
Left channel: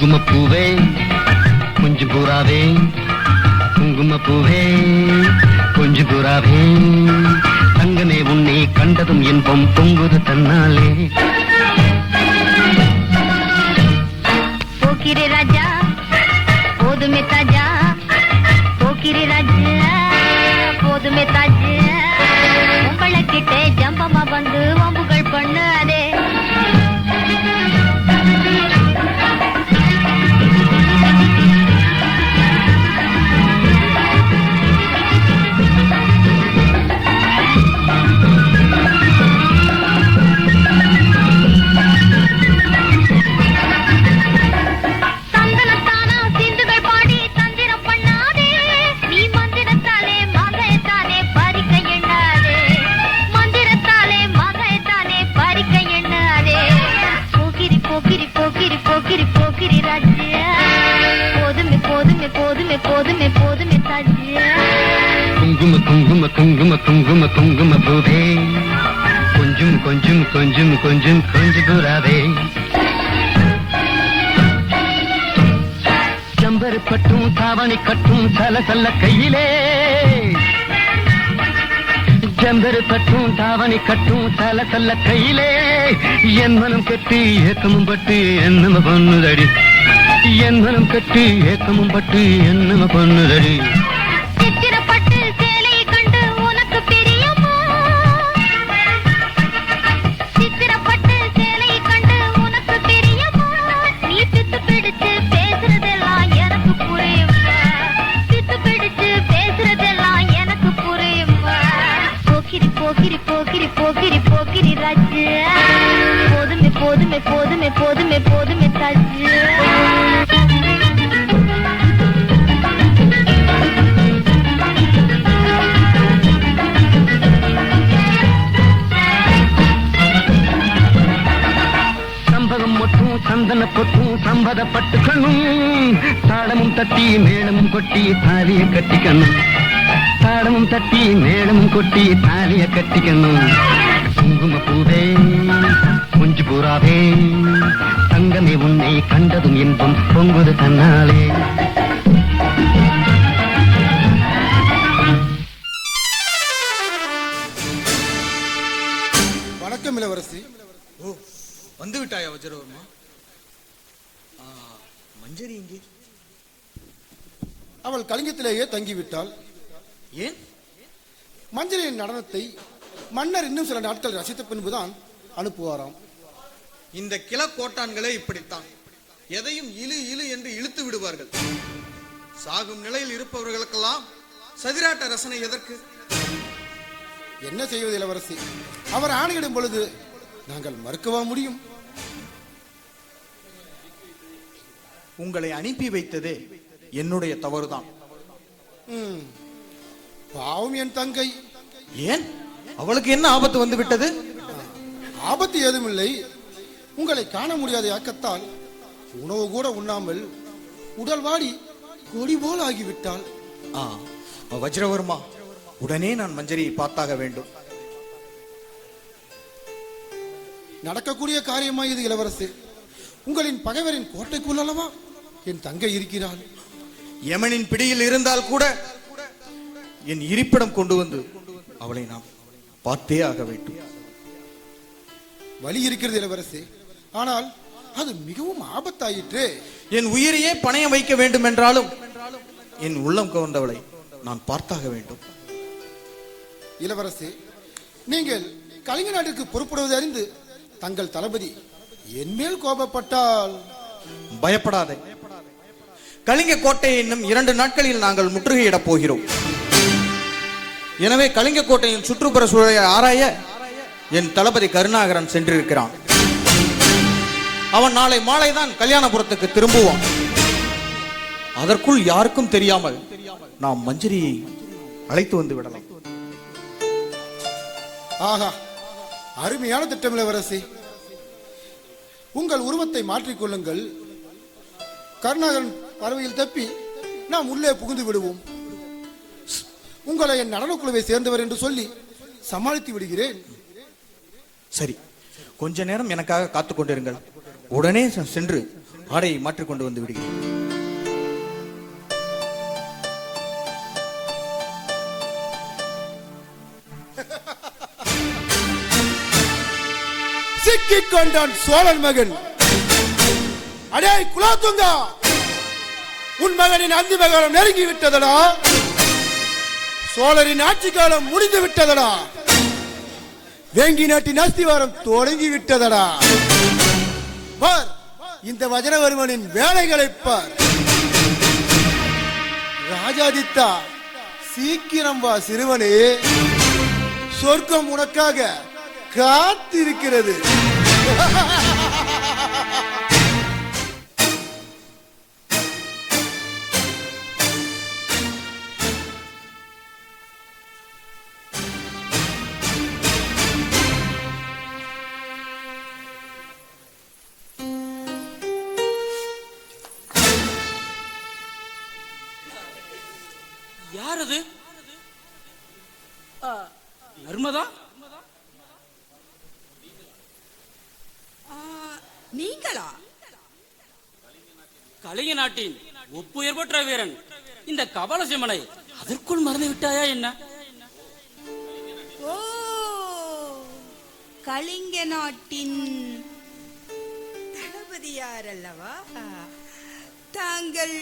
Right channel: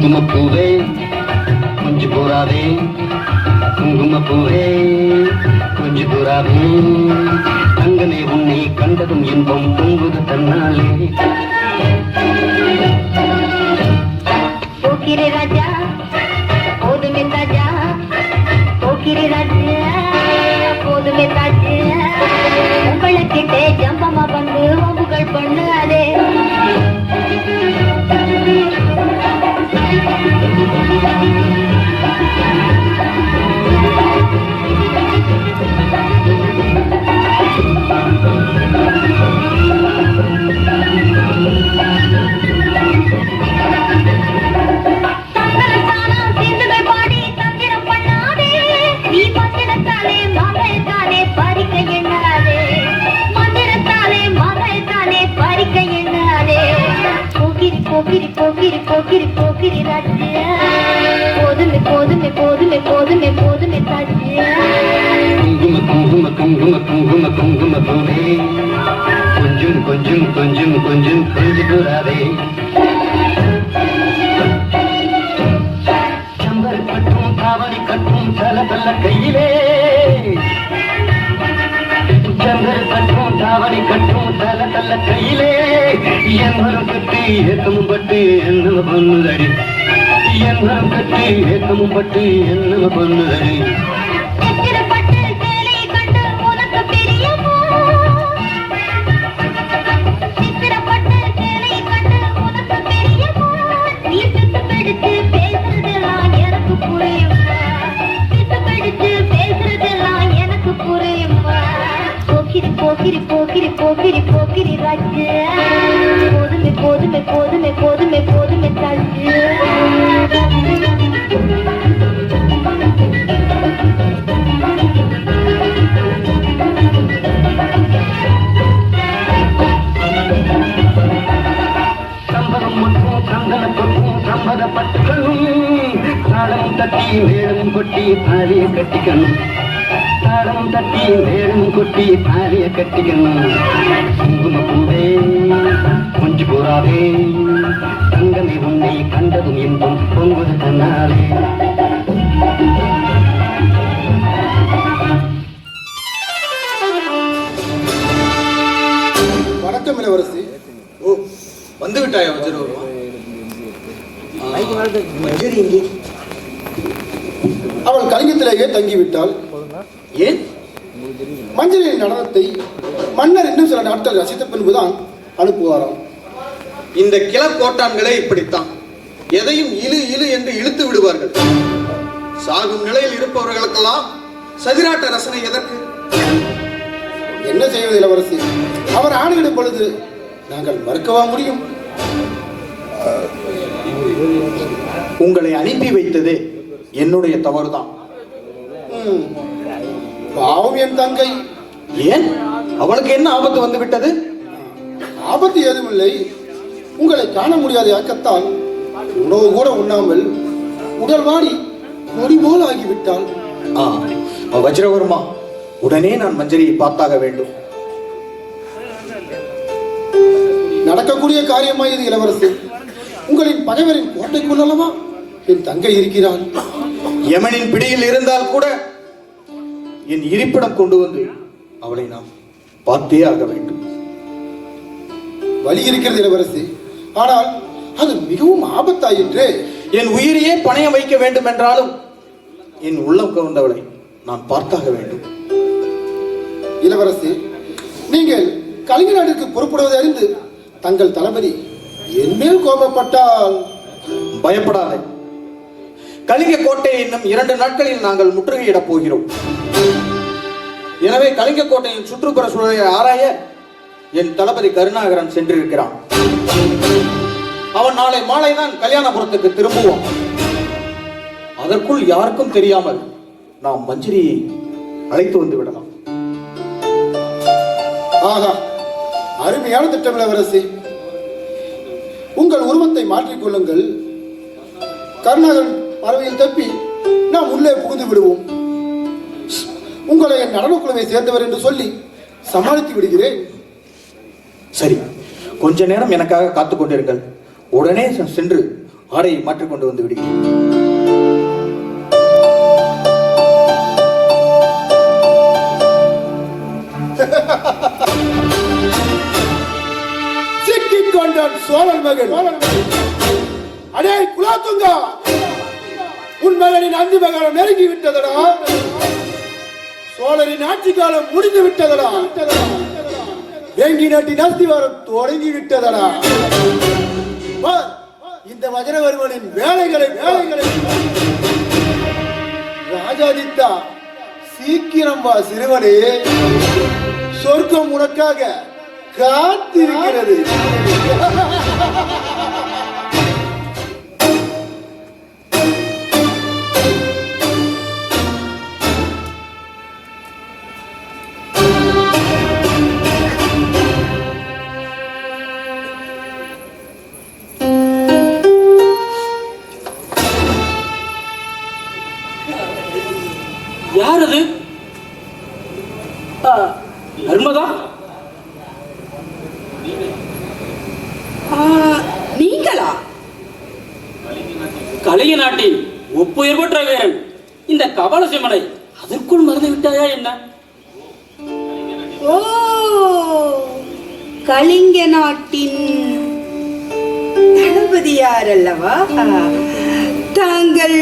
குங்குமப்பூவே கொஞ்சு பூராவே, குங்குமப்பூவே கொஞ்சு பூராவே, தங்கமே உன்னை கண்டதும் இன்பம் பொங்குது தன்னாலே. போக்கிரி ராஜா போதுமே தாஜா, போக்கிரி ராஜா போதுமே தாஜா, உங்களுக்கு ஜம்பமா வந்து உங்கள் பண்ணாரே. போக்கிரி போக்கிரி போக்கிரி ராஜா, போதுமே போதுமே போதுமே போதுமே போதுமே தாஜா. குங்கும குங்கும குங்கும குங்கும குங்கும பூவே கொஞ்சம் கொஞ்சம் கொஞ்சம் கொஞ்சம் கொஞ்சு பூராவே, செம்பர் கட்டும் தாவணி கட்டும் தல தல கையிலே, செம்பர் கட்டும் தாவணி கட்டும் தல தல கையிலே, என் மனம் கட்டி ஏக்கமும் பட்டு என்ன பண்ணுதடி, என் மனம் கட்டி ஏக்கமும் பட்டு என்ன பண்ணுதடி. சித்திரப்பட்டு சேலையை கண்டு உனக்கு பிரியமா, சித்திரப்பட்டு சேலையை கண்டு உனக்கு பிரியமா, நீ பித்து பிடிச்சு பேசுறதெல்லாம் எனக்கு புரியுமா, பித்து பிடிச்சு பேசுறதெல்லாம் எனக்கு புரியுமா. போக்கிரி போக்கிரி போக்கிரி போக்கிரி போக்கிரி ராஜா, போதுமே போதுமே போதுமே போதுமே போதுமே தாஜா. சம்பவம் மட்டும் சந்தன கொட்டும் சம்பதப்பட்டுக்கணும், தாளமும் தட்டி மேளமும் கொட்டி தாலிய கட்டிக்கணும், தாளமும் தட்டி மேளமும் கொட்டி தாலிய கட்டிக்கணும். குங்கும பூவே கொஞ்சு பூராவே, தங்கமே உன்னை கண்டதும் இன்பம் பொங்குது தன்னாலே. வணக்கம் இளவரசி. ஓ, வந்து விட்டாயா வஜ்ரவர்மா? அவள் கலிங்கத்திலேயே தங்கிவிட்டாள். ஏன்? மஞ்சளின் நடனத்தை மன்னர் இன்னும் சில நாட்கள் ரசித்த பின்புதான் அனுப்புவாராம். இந்த கிளர்கோட்டான்களே இப்படித்தான், எதையும் இழு இழு என்று இழுத்து விடுவார்கள். சாகும் நிலையில் இருப்பவர்களுக்கெல்லாம் சதிராட்ட ரசனை எதற்கு? என்ன செய்வது இளவரசி? அவர் ஆணையிடும் பொழுது நாங்கள் மறுக்கவா முடியும்? உங்களை அனுப்பி வைத்தது என்னுடைய தவறுதான். பாவம் என் தங்கை. ஏன்? அவளுக்கு என்ன ஆபத்து வந்து விட்டது? ஆபத்து ஏதுமில்லை. உங்களை காண முடியாத யாக்கத்தால் உணவு கூட உண்ணாமல் உடல் வாடி நொடி போல் ஆகிவிட்டாள். வஜ்ரவர்மா, உடனே நான் மஞ்சரியை பார்த்தாக வேண்டும். நடக்கக்கூடிய காரியமா இது இளவரசி? உங்களின் பகைவரின் கோட்டைக்குள் அல்லவா என் தங்கை இருக்கிறாள். யமனின் பிடியில் இருந்தால் கூட என் இருப்பிடம் கொண்டு வந்து அவளை நாம் பார்த்தே ஆக வேண்டும். வழி இருக்கிறது இளவரசி, ஆனால் அது மிகவும் ஆபத்தாயிற்று. என் உயிரையே பணயம் வைக்க வேண்டும் என்றாலும் என் உள்ளம் கவர்ந்தவளை நான் பார்த்தாக வேண்டும். இளவரசி, நீங்கள் கலிங்க நாட்டிற்கு புறப்படுவதை அறிந்து தங்கள் தளபதி என் மேல் கோபப்பட்டால்? பயப்படாதே. கலிங்க கோட்டையை இன்னும் 2 நாட்களில் நாங்கள் முற்றுகையிடப் போகிறோம். எனவே கலிங்க கோட்டையின் சுற்றுப்புற சூழலை ஆராய என் தளபதி கருணாகரன் சென்றிருக்கிறான். அவன் நாளை மாலைதான் கல்யாணபுரத்துக்கு திரும்புவான். அதற்குள் யாருக்கும் தெரியாமல் நாம் மஞ்சரியை அழைத்து வந்து விடலாம். ஆகா, அருமையான திட்டம் இளவரசி. உங்கள் உருவத்தை மாற்றிக்கொள்ளுங்கள். கருணாகரன் அரவையில் தப்பி நாம் உள்ளே புகுந்து விடுவோம். உங்களை என் நடனக்குழுவை சேர்ந்தவர் என்று சொல்லி சமாளித்து விடுகிறேன். சரி, கொஞ்ச நேரம் எனக்காக காத்துக் கொண்டிருங்கள். உடனே சென்று ஆடையை மாற்றிக்கொண்டு வந்து விடுகிறேன். சிக்கிக் கொண்டான் சோழன் மகன். அடே குலாத்துங்கா, உன் மகனின் அந்தி மகனம் நெருங்கி விட்டதடா. சோழரின் ஆட்சி காலம் முடிந்து விட்டதடா. வேங்கி நாட்டின் அஸ்திவாரம் தொடங்கி விட்டதடா. பார், இந்த வஜரவர்மனின் வேலைகளை பார். ராஜாதித்தா, சீக்கிரம் வா சிறுவனே. சொர்க்கம் உனக்காக காத்திருக்கிறது. யார் அது? நர்மதா? நீங்களா? கலிங்க நாட்டின் ஒப்புயர் பெற்ற வீரன் இந்த கபாலசிம்மனை அதற்குள் மறந்து விட்டாயா என்ன? ஓ, கலிங்க நாட்டின் தளபதியார் அல்லவா? தாங்கள்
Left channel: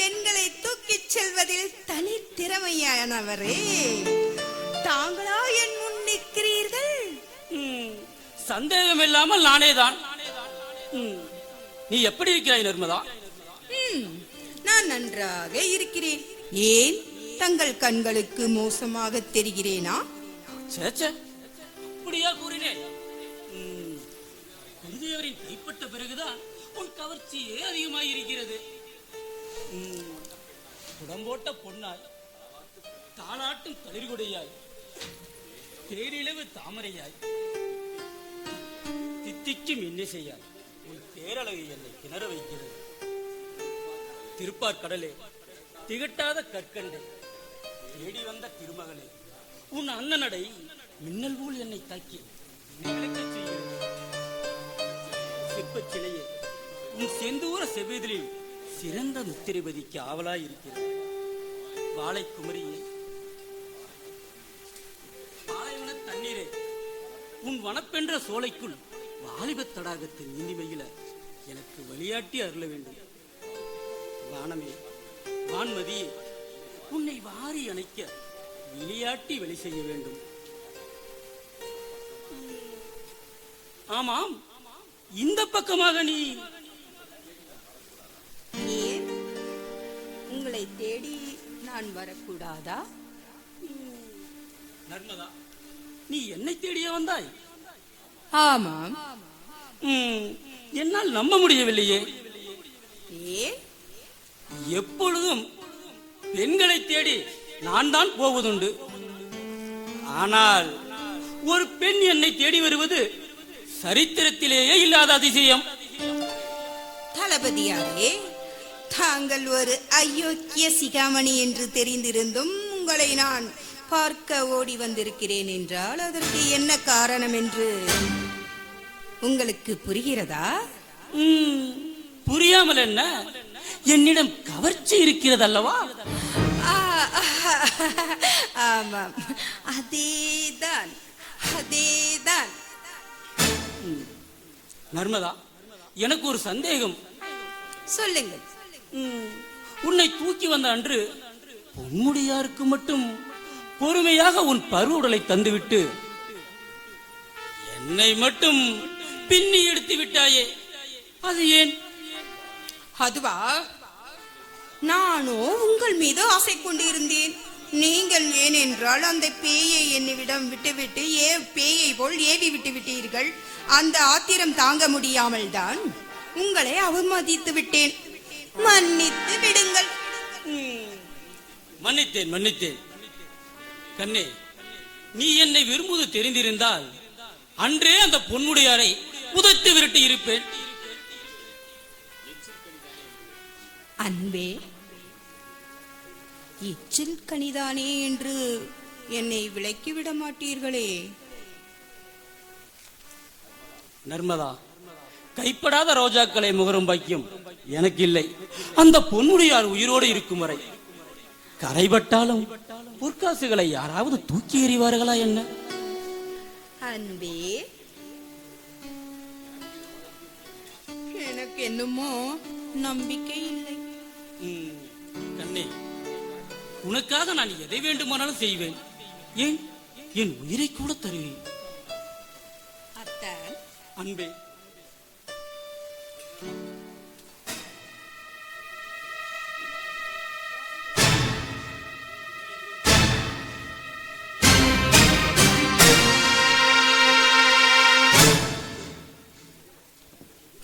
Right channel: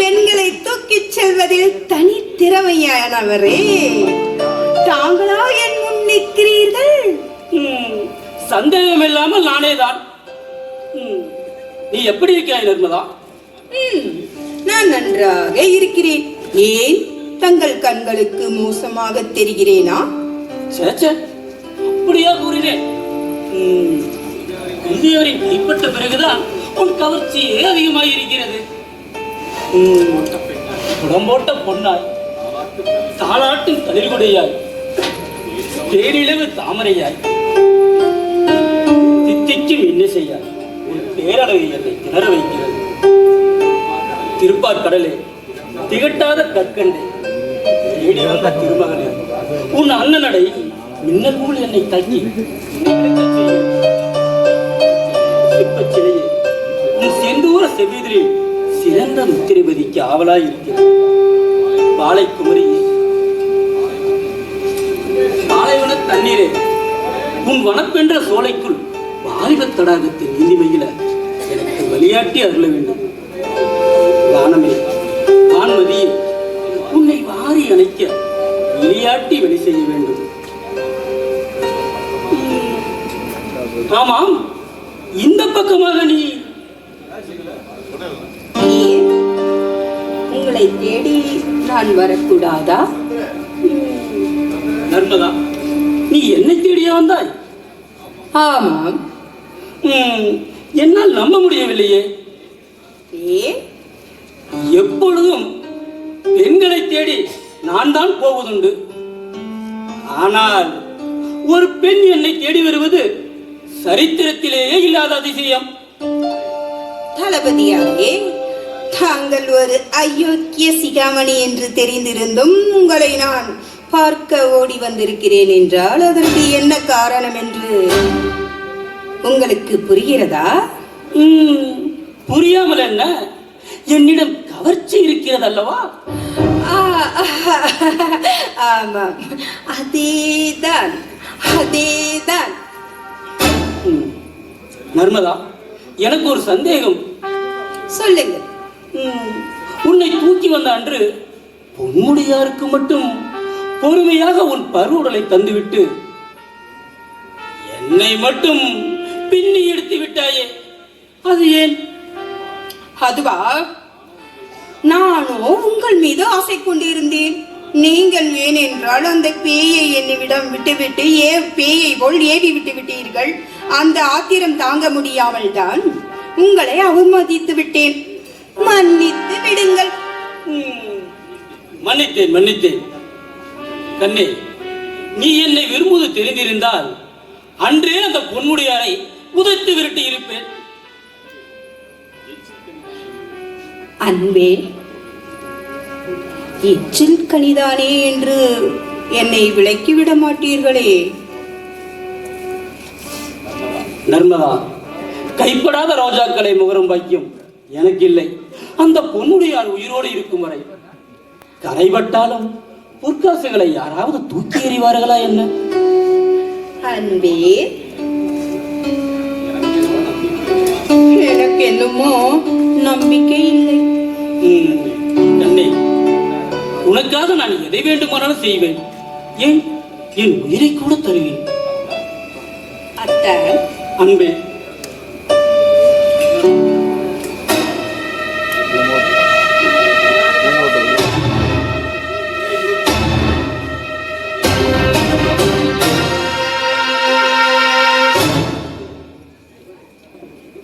பெண்களை தூக்கிச் செல்வதில் தனி திறமையானவரே. தாங்களா என் முன் நிற்கிறீர்கள்? சந்தேகம் இல்லாமல் நானே தான். நீ எப்படி இருக்கிறாய் நர்மதா? நான் நன்றாக இருக்கிறேன். ஏன், தங்கள் கண்களுக்கு மோசமாக தெரிகிறேனா? சேச்சே, அப்படியா கூறினேன்? குந்தியவரின் கைப்பற்ற பிறகுதான் உன் கவர்ச்சியே அதிகமாக இருக்கிறது. புடம்போட்ட பொன்னாய், தாளாட்டும் கதிர்கொடையாய், பேரிழவு தாமரையாய், தித்திக்கும் இன்னிசையாய் உன் பேரழகை என்னை திணற வைக்கிறது. திருப்பாற்கடலே, திகட்டாத கற்கண்டே, தேடி வந்த திருமகனே, உன் அண்ணனடை மின்னல் போல் என்னை தங்கி சிற்பச்சிலையே, உன் செந்தூர செவிதிரில் சிறந்த முத்திரைபதிக்கு ஆவலாய் இருக்கிறது. பாலைக்குமரியே, பாலைவன தண்ணீரே, உன் வனப்பென்ற சோலைக்குள் வாலிப தடாகத்தின் நீதிமையில எனக்கு வழியாட்டி அருள வேண்டும். வானமே, வான்மதியே, உன்னை வாரி அணைக்க விளையாட்டி வெளி செய்ய வேண்டும். ஆமாம், இந்த பக்கமாக நீ உங்களை தேடி நான் வரக்கூடாதா? நர்மதா, நீ என்னை தேடியா வந்தாய்? ஆமாம். என்னால் நம்ப முடியவில்லையே. ஏன்? எப்பொழுதும் பெண்களை தேடி நான் தான் போவதுண்டு. ஆனால் ஒரு பெண் என்னை தேடி வருவது சரித்திரத்திலேயே இல்லாத அதிசயம். தளபதியாரே, தாங்கள் ஒரு அயோக்கிய சிகாமணி என்று தெரிந்திருந்தும் உங்களை நான் பார்க்க ஓடி வந்திருக்கிறேன் என்றால் அதற்கு என்ன காரணம் என்று உங்களுக்கு புரிகிறதா? புரியாமல் என்ன? என்னிடம் கவர்ச்சி இருக்கிறது அல்லவா? ஆமாம், அதேதான் அதேதான். நர்மதா, எனக்கு ஒரு சந்தேகம். சொல்லுங்க. உன்னை தூக்கி வந்த அன்று பொன்முடியாருக்கு மட்டும் பொறுமையாக உன் பருவுடலை தந்துவிட்டு என்னை மட்டும் பின்னி எடுத்து விட்டாயே, அது ஏன்? அதுவா, நானோ உங்கள் மீது ஆசை கொண்டிருந்தேன். நீங்கள் ஏனென்றால் அந்த பேயை என்னிடம் விட்டுவிட்டு பேயை போல் ஏவி விட்டு விட்டீர்கள். அந்த ஆத்திரம் தாங்க முடியாமல் தான் உங்களை அவமதித்து விட்டேன். மன்னித்து விடுங்கள். மன்னித்தேன். கண்ணே, நீ என்னை விரும்புவது தெரிந்திருந்தால் அன்றே அந்த பொன்முடியாரை புதைத்து விரட்டி இருப்பேன். அன்பே, எச்சில் கனிதானே என்று என்னை விலக்கிவிட மாட்டீர்களே. நர்மதா, கைப்படாத ரோஜாக்களை முகரம் வைக்கும் எனக்கு இல்லை. அந்த பொன்முடியார் உயிரோடு இருக்கும் வரை கரைபட்டாலும் பொற்காசுகளை யாராவது தூக்கி எறிவார்களா என்ன? அன்பே, எனக்கு என்னமோ நம்பிக்கை இல்லை. கண்ணே, உனக்காக நான் எதை வேண்டுமானாலும் செய்வேன். ஏன், என் உயிரை கூட தருவேன். அத்தை, அன்பே,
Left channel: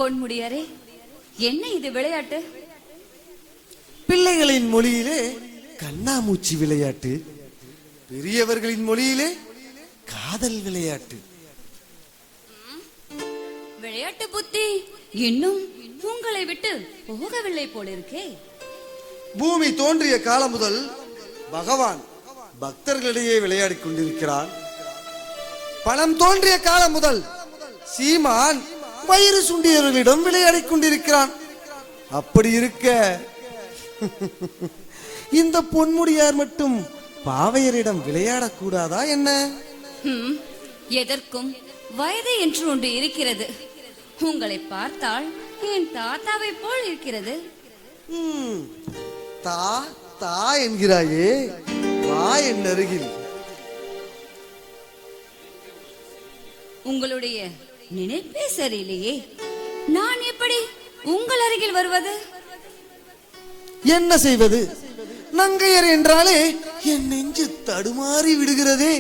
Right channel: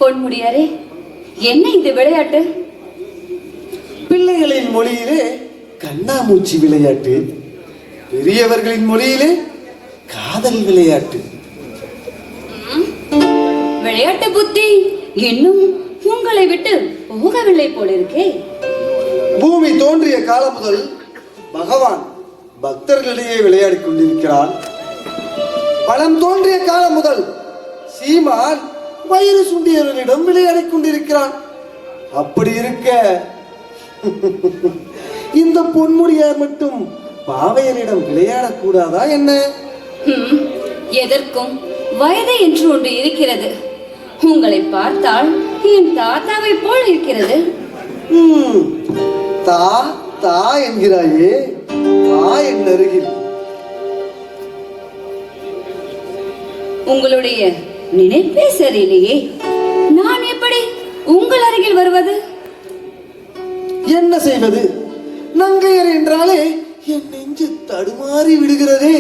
பொன்முடியாரே, என்ன இந்த விளையாட்டு? பிள்ளைகளின் மொழியிலே கண்ணாமூச்சி விளையாட்டு, பெரியவர்களின் மொழியிலே காதல் விளையாட்டு. விளையாட்டு புத்தி இன்னும் உங்களை விட்டு போகவில்லை போலிருக்கே. பூமி தோன்றிய காலம் முதல் பகவான் பக்தர்களிடையே விளையாடிக் கொண்டிருக்கிறான். பழம் தோன்றிய காலம் முதல் சீமான் வயிறு சுண்டியவர்களிடம் விளையாடிக் கொண்டிருக்கிறான். அப்படி இருக்க இந்த பொன்முடியார் மட்டும் பாவையரிடம் விளையாடக்கூடாதா என்ன? எதற்கும் வயது என்று ஒன்று இருக்கிறது. உங்களை பார்த்தால் என் தாத்தாவை போல் இருக்கிறது. தா தா என்கிறாயே, என் அருகில். உங்களுடைய நினைப்பே சரியில்லையே. நான் எப்படி உங்கள் அருகில் வருவது? என்ன செய்வது? நங்கையர் என்றாலே என் நெஞ்சு தடுமாறி விடுகிறதே.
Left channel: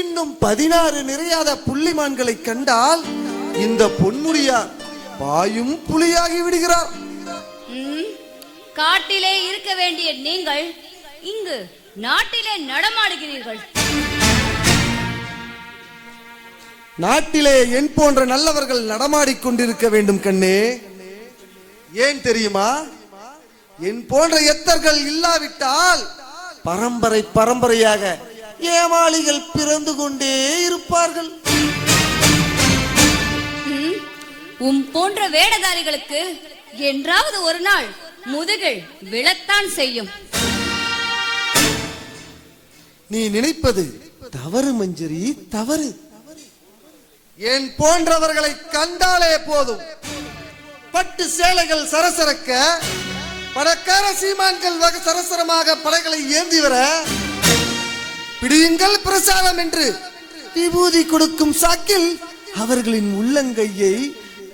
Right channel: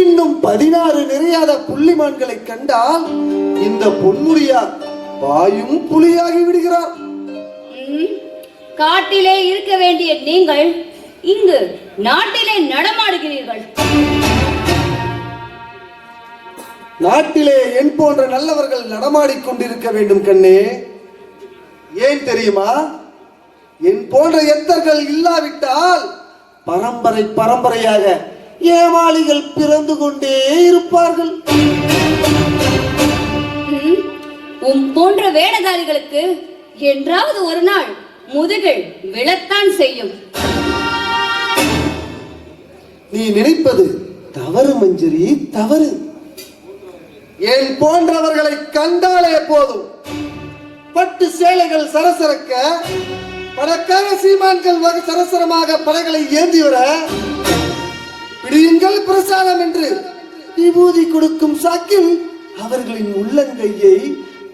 இன்னும் 16 நிறையாத புள்ளிமான்களை கண்டால் இந்த பொன்முடியார் பாயும் புலியாகி விடுகிறார். காட்டிலே இருக்க வேண்டிய நீங்கள் இங்கு நாட்டிலே நடமாடுகிறீர்கள். நாட்டிலே என் போன்ற நல்லவர்கள் நடமாடிக் கொண்டிருக்க வேண்டும் கண்ணே. ஏன் தெரியுமா? என் போன்ற எத்தர்கள் இல்லாவிட்டால் பரம்பரையாக ஏமாளிகள் பிறந்து கொண்டே இருப்பார்கள். போன்ற வேடதாரிகளுக்கு என்றாவது ஒரு நாள் முதுகில் விழத்தான் செய்யும். நீ நினைப்பது தவறு மஞ்சரி, தவறு. என் போன்றவர்களை கண்டாலே போதும், பட்டு சேலைகள் சரசரக்க, பணக்கார சீமான்கள் சரசரமாக படைகளை ஏந்தி வர, பிடியுங்கள் பிரசாதம் என்று விபூதி கொடுக்கும் சாக்கில் அவர்களின் உள்ளங்கையை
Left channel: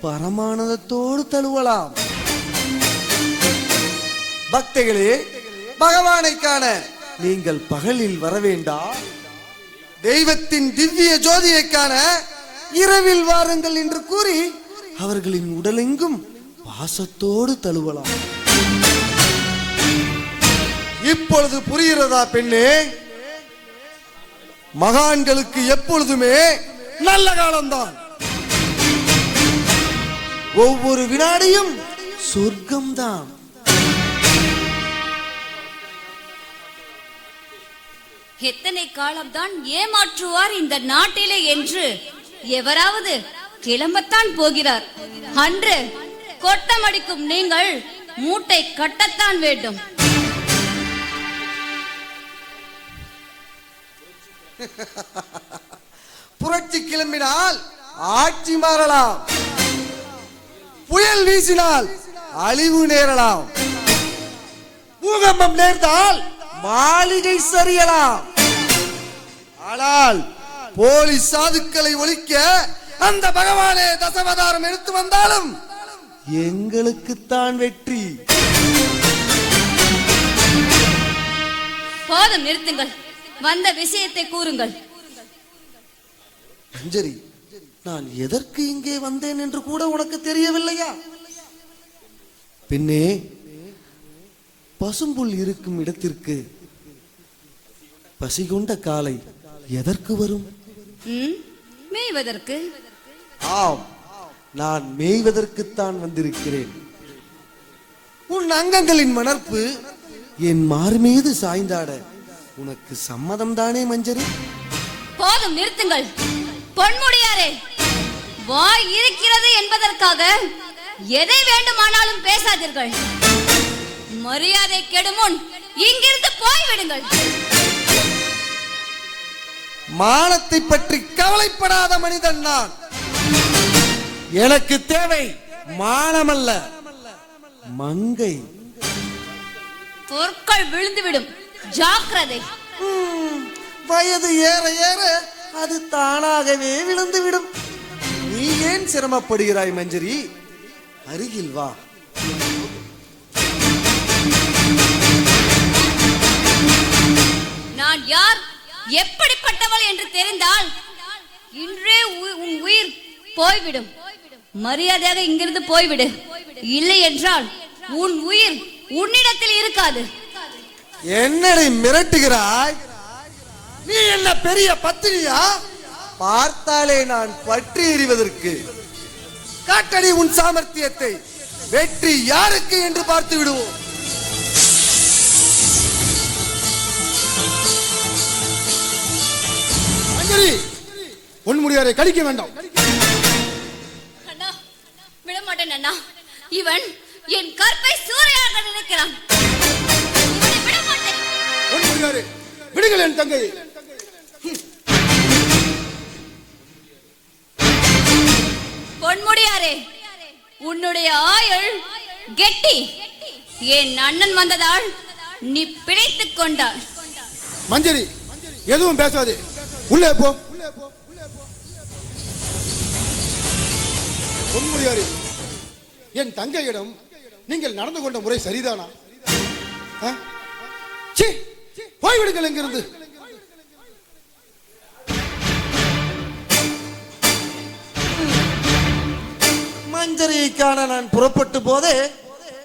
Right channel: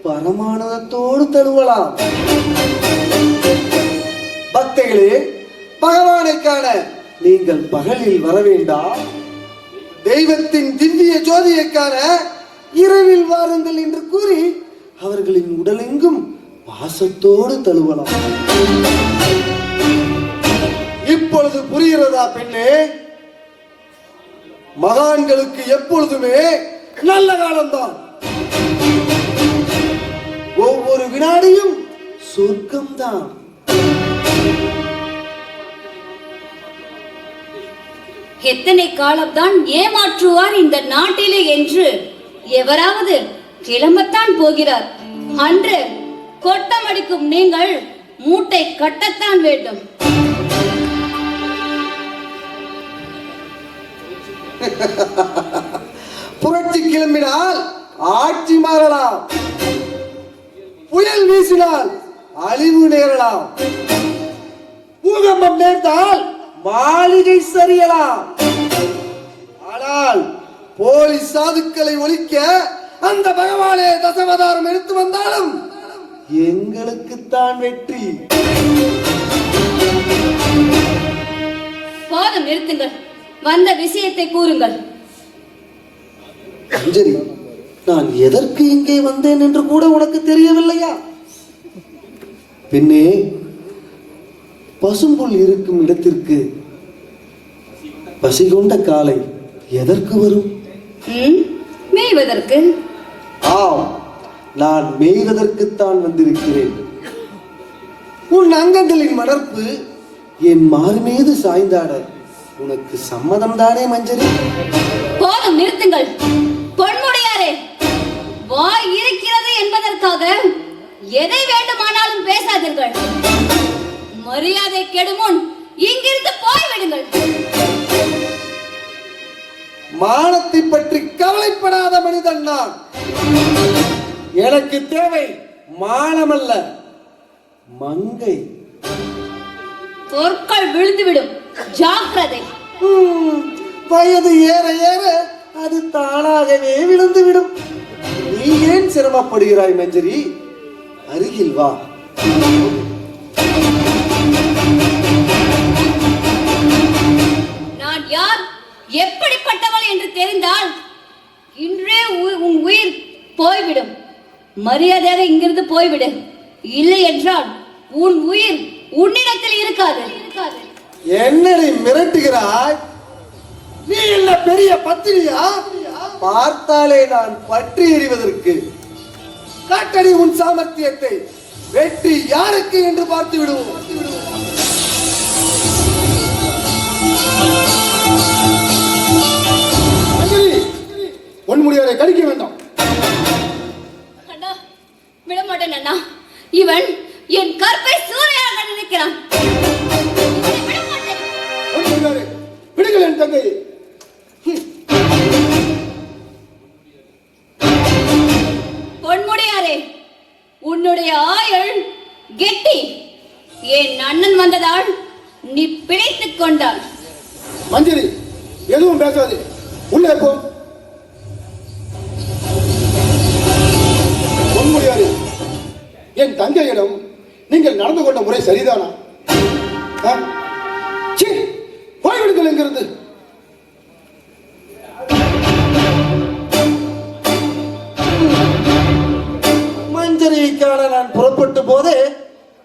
பரமானதத்தோடு தருவலாம். பக்தர்களே, பகவானை காண நீங்கள் பகலில் வர வேண்டாம். தெய்வத்தின் திவ்ய ஜோதியை காண இரவில் வாருங்கள் என்று கூறி அவர்களின் உடலெங்கும் பாசத்தோடு தழுவலாம். இப்பொழுது புரிகிறதா பெண்ணே? மகான்களுக்கு எப்பொழுதுமே நல்ல காலம்தான். ஒவ்வொரு வினாடியும் சொர்க்கம்தான். எத்தனை காலம்தான் ஏமாற்றுவார் இந்த நாட்டிலே என்று எவராவது கிளம்பத்தான் போகிறார். அன்று கொட்டமடிக்கும் நீங்கள் மூட்டை கட்டத்தான் வேண்டும். புரட்சி கிளம்பினால் ஆட்சி மாறலாம், புயல் வீசினால் அழிவு நேரலாம், பூகம்பம் நேர்ந்தால் மாளிகை சரியலாம். ஆனால் போலீஸ் சாதுக்களை ஒழிக்க அந்த பகவானே தசவதாரம் எடுத்து வந்தாலும் எங்களுக்குத்தான் வெற்றி. போதும், நிறுத்துங்கள். வந்த விஷயத்தை கூறுங்கள். அஞ்சலி, நான் எதற்கு இங்கே வந்தேன் என்று கூட உனக்கு தெரியவில்லையா? பின்னே பசும்புல் இருக்கும் இடத்திற்கு பசி கொண்ட காலை எதற்கு வரும்? மேய்வதற்கு. ஆம், நான் மேய்வதற்குத்தான் வந்திருக்கிறேன். உன் அங்கங்களின் வளர்ப்பு என் மாறு மீது சாய்ந்தாட உனக்கு சம்மதம் தானே மஞ்சரி? போதும், நிறுத்துங்கள். பொன்முடியாரே, வாய் இருக்கிறது என்பதற்காக எதை வேண்டுமானாலும் பேசாதீர்கள். மரியாதை கெடுமுன் இங்கிருந்து போய்விடுங்கள். மானத்தை பற்றி கவலைப்படாத மனிதன் நான். எனக்கு தேவை மானமல்ல, மங்கை. பொற்கள் விழுந்துவிடும், ஜாக்கிரதை. வயது ஏற ஏற அது தானாகவே விழுந்துவிடும். நீ ஏன் சிரமப்படுகிறாய் மஞ்சரி? அருகில் வா. நான் யார், எப்படிப்பட்டவள் என்று தெரிந்தால் இன்றே உன் உயிர் போய்விடும். மரியாதையாக இங்கிருந்து போய்விடு. இல்லை என்றால் உன் உயிர் உன்னிடத்தில் இருக்காது. என்னை மிரட்டுகிறாய்? நீ என்ன பெரிய பத்தினியா? பார்த்தாலே நான் பற்றி எறிவதற்கு. காட்டடி உன் சாமர்த்தியத்தை. வெற்றி யாருக்கு என்று பார்த்து விடுவோம். பொன்முடியாரை கழிக்க வேண்டாம். விடமாட்டேன் அண்ணா. இவன் என் கற்பை சூறையாக நினைக்கிறான். விடுங்கள் என் தங்கை. பொன்முடியாரே, உன்னுடைய ஆயுள் கெட்டி. என் அண்ணன் வந்ததால் நீ பிழைத்துக் கொண்டாள். மஞ்சரி, எதுவும் பேசாதே, உள்ளே போ. பொன்முடியாரே, என் தங்கையிடம் நீங்கள் நடந்து கொண்ட முறை சரிதானா? போய்விடுங்கள் என்கிறது. மஞ்சரிக்கான நான் புறப்பட்ட போதே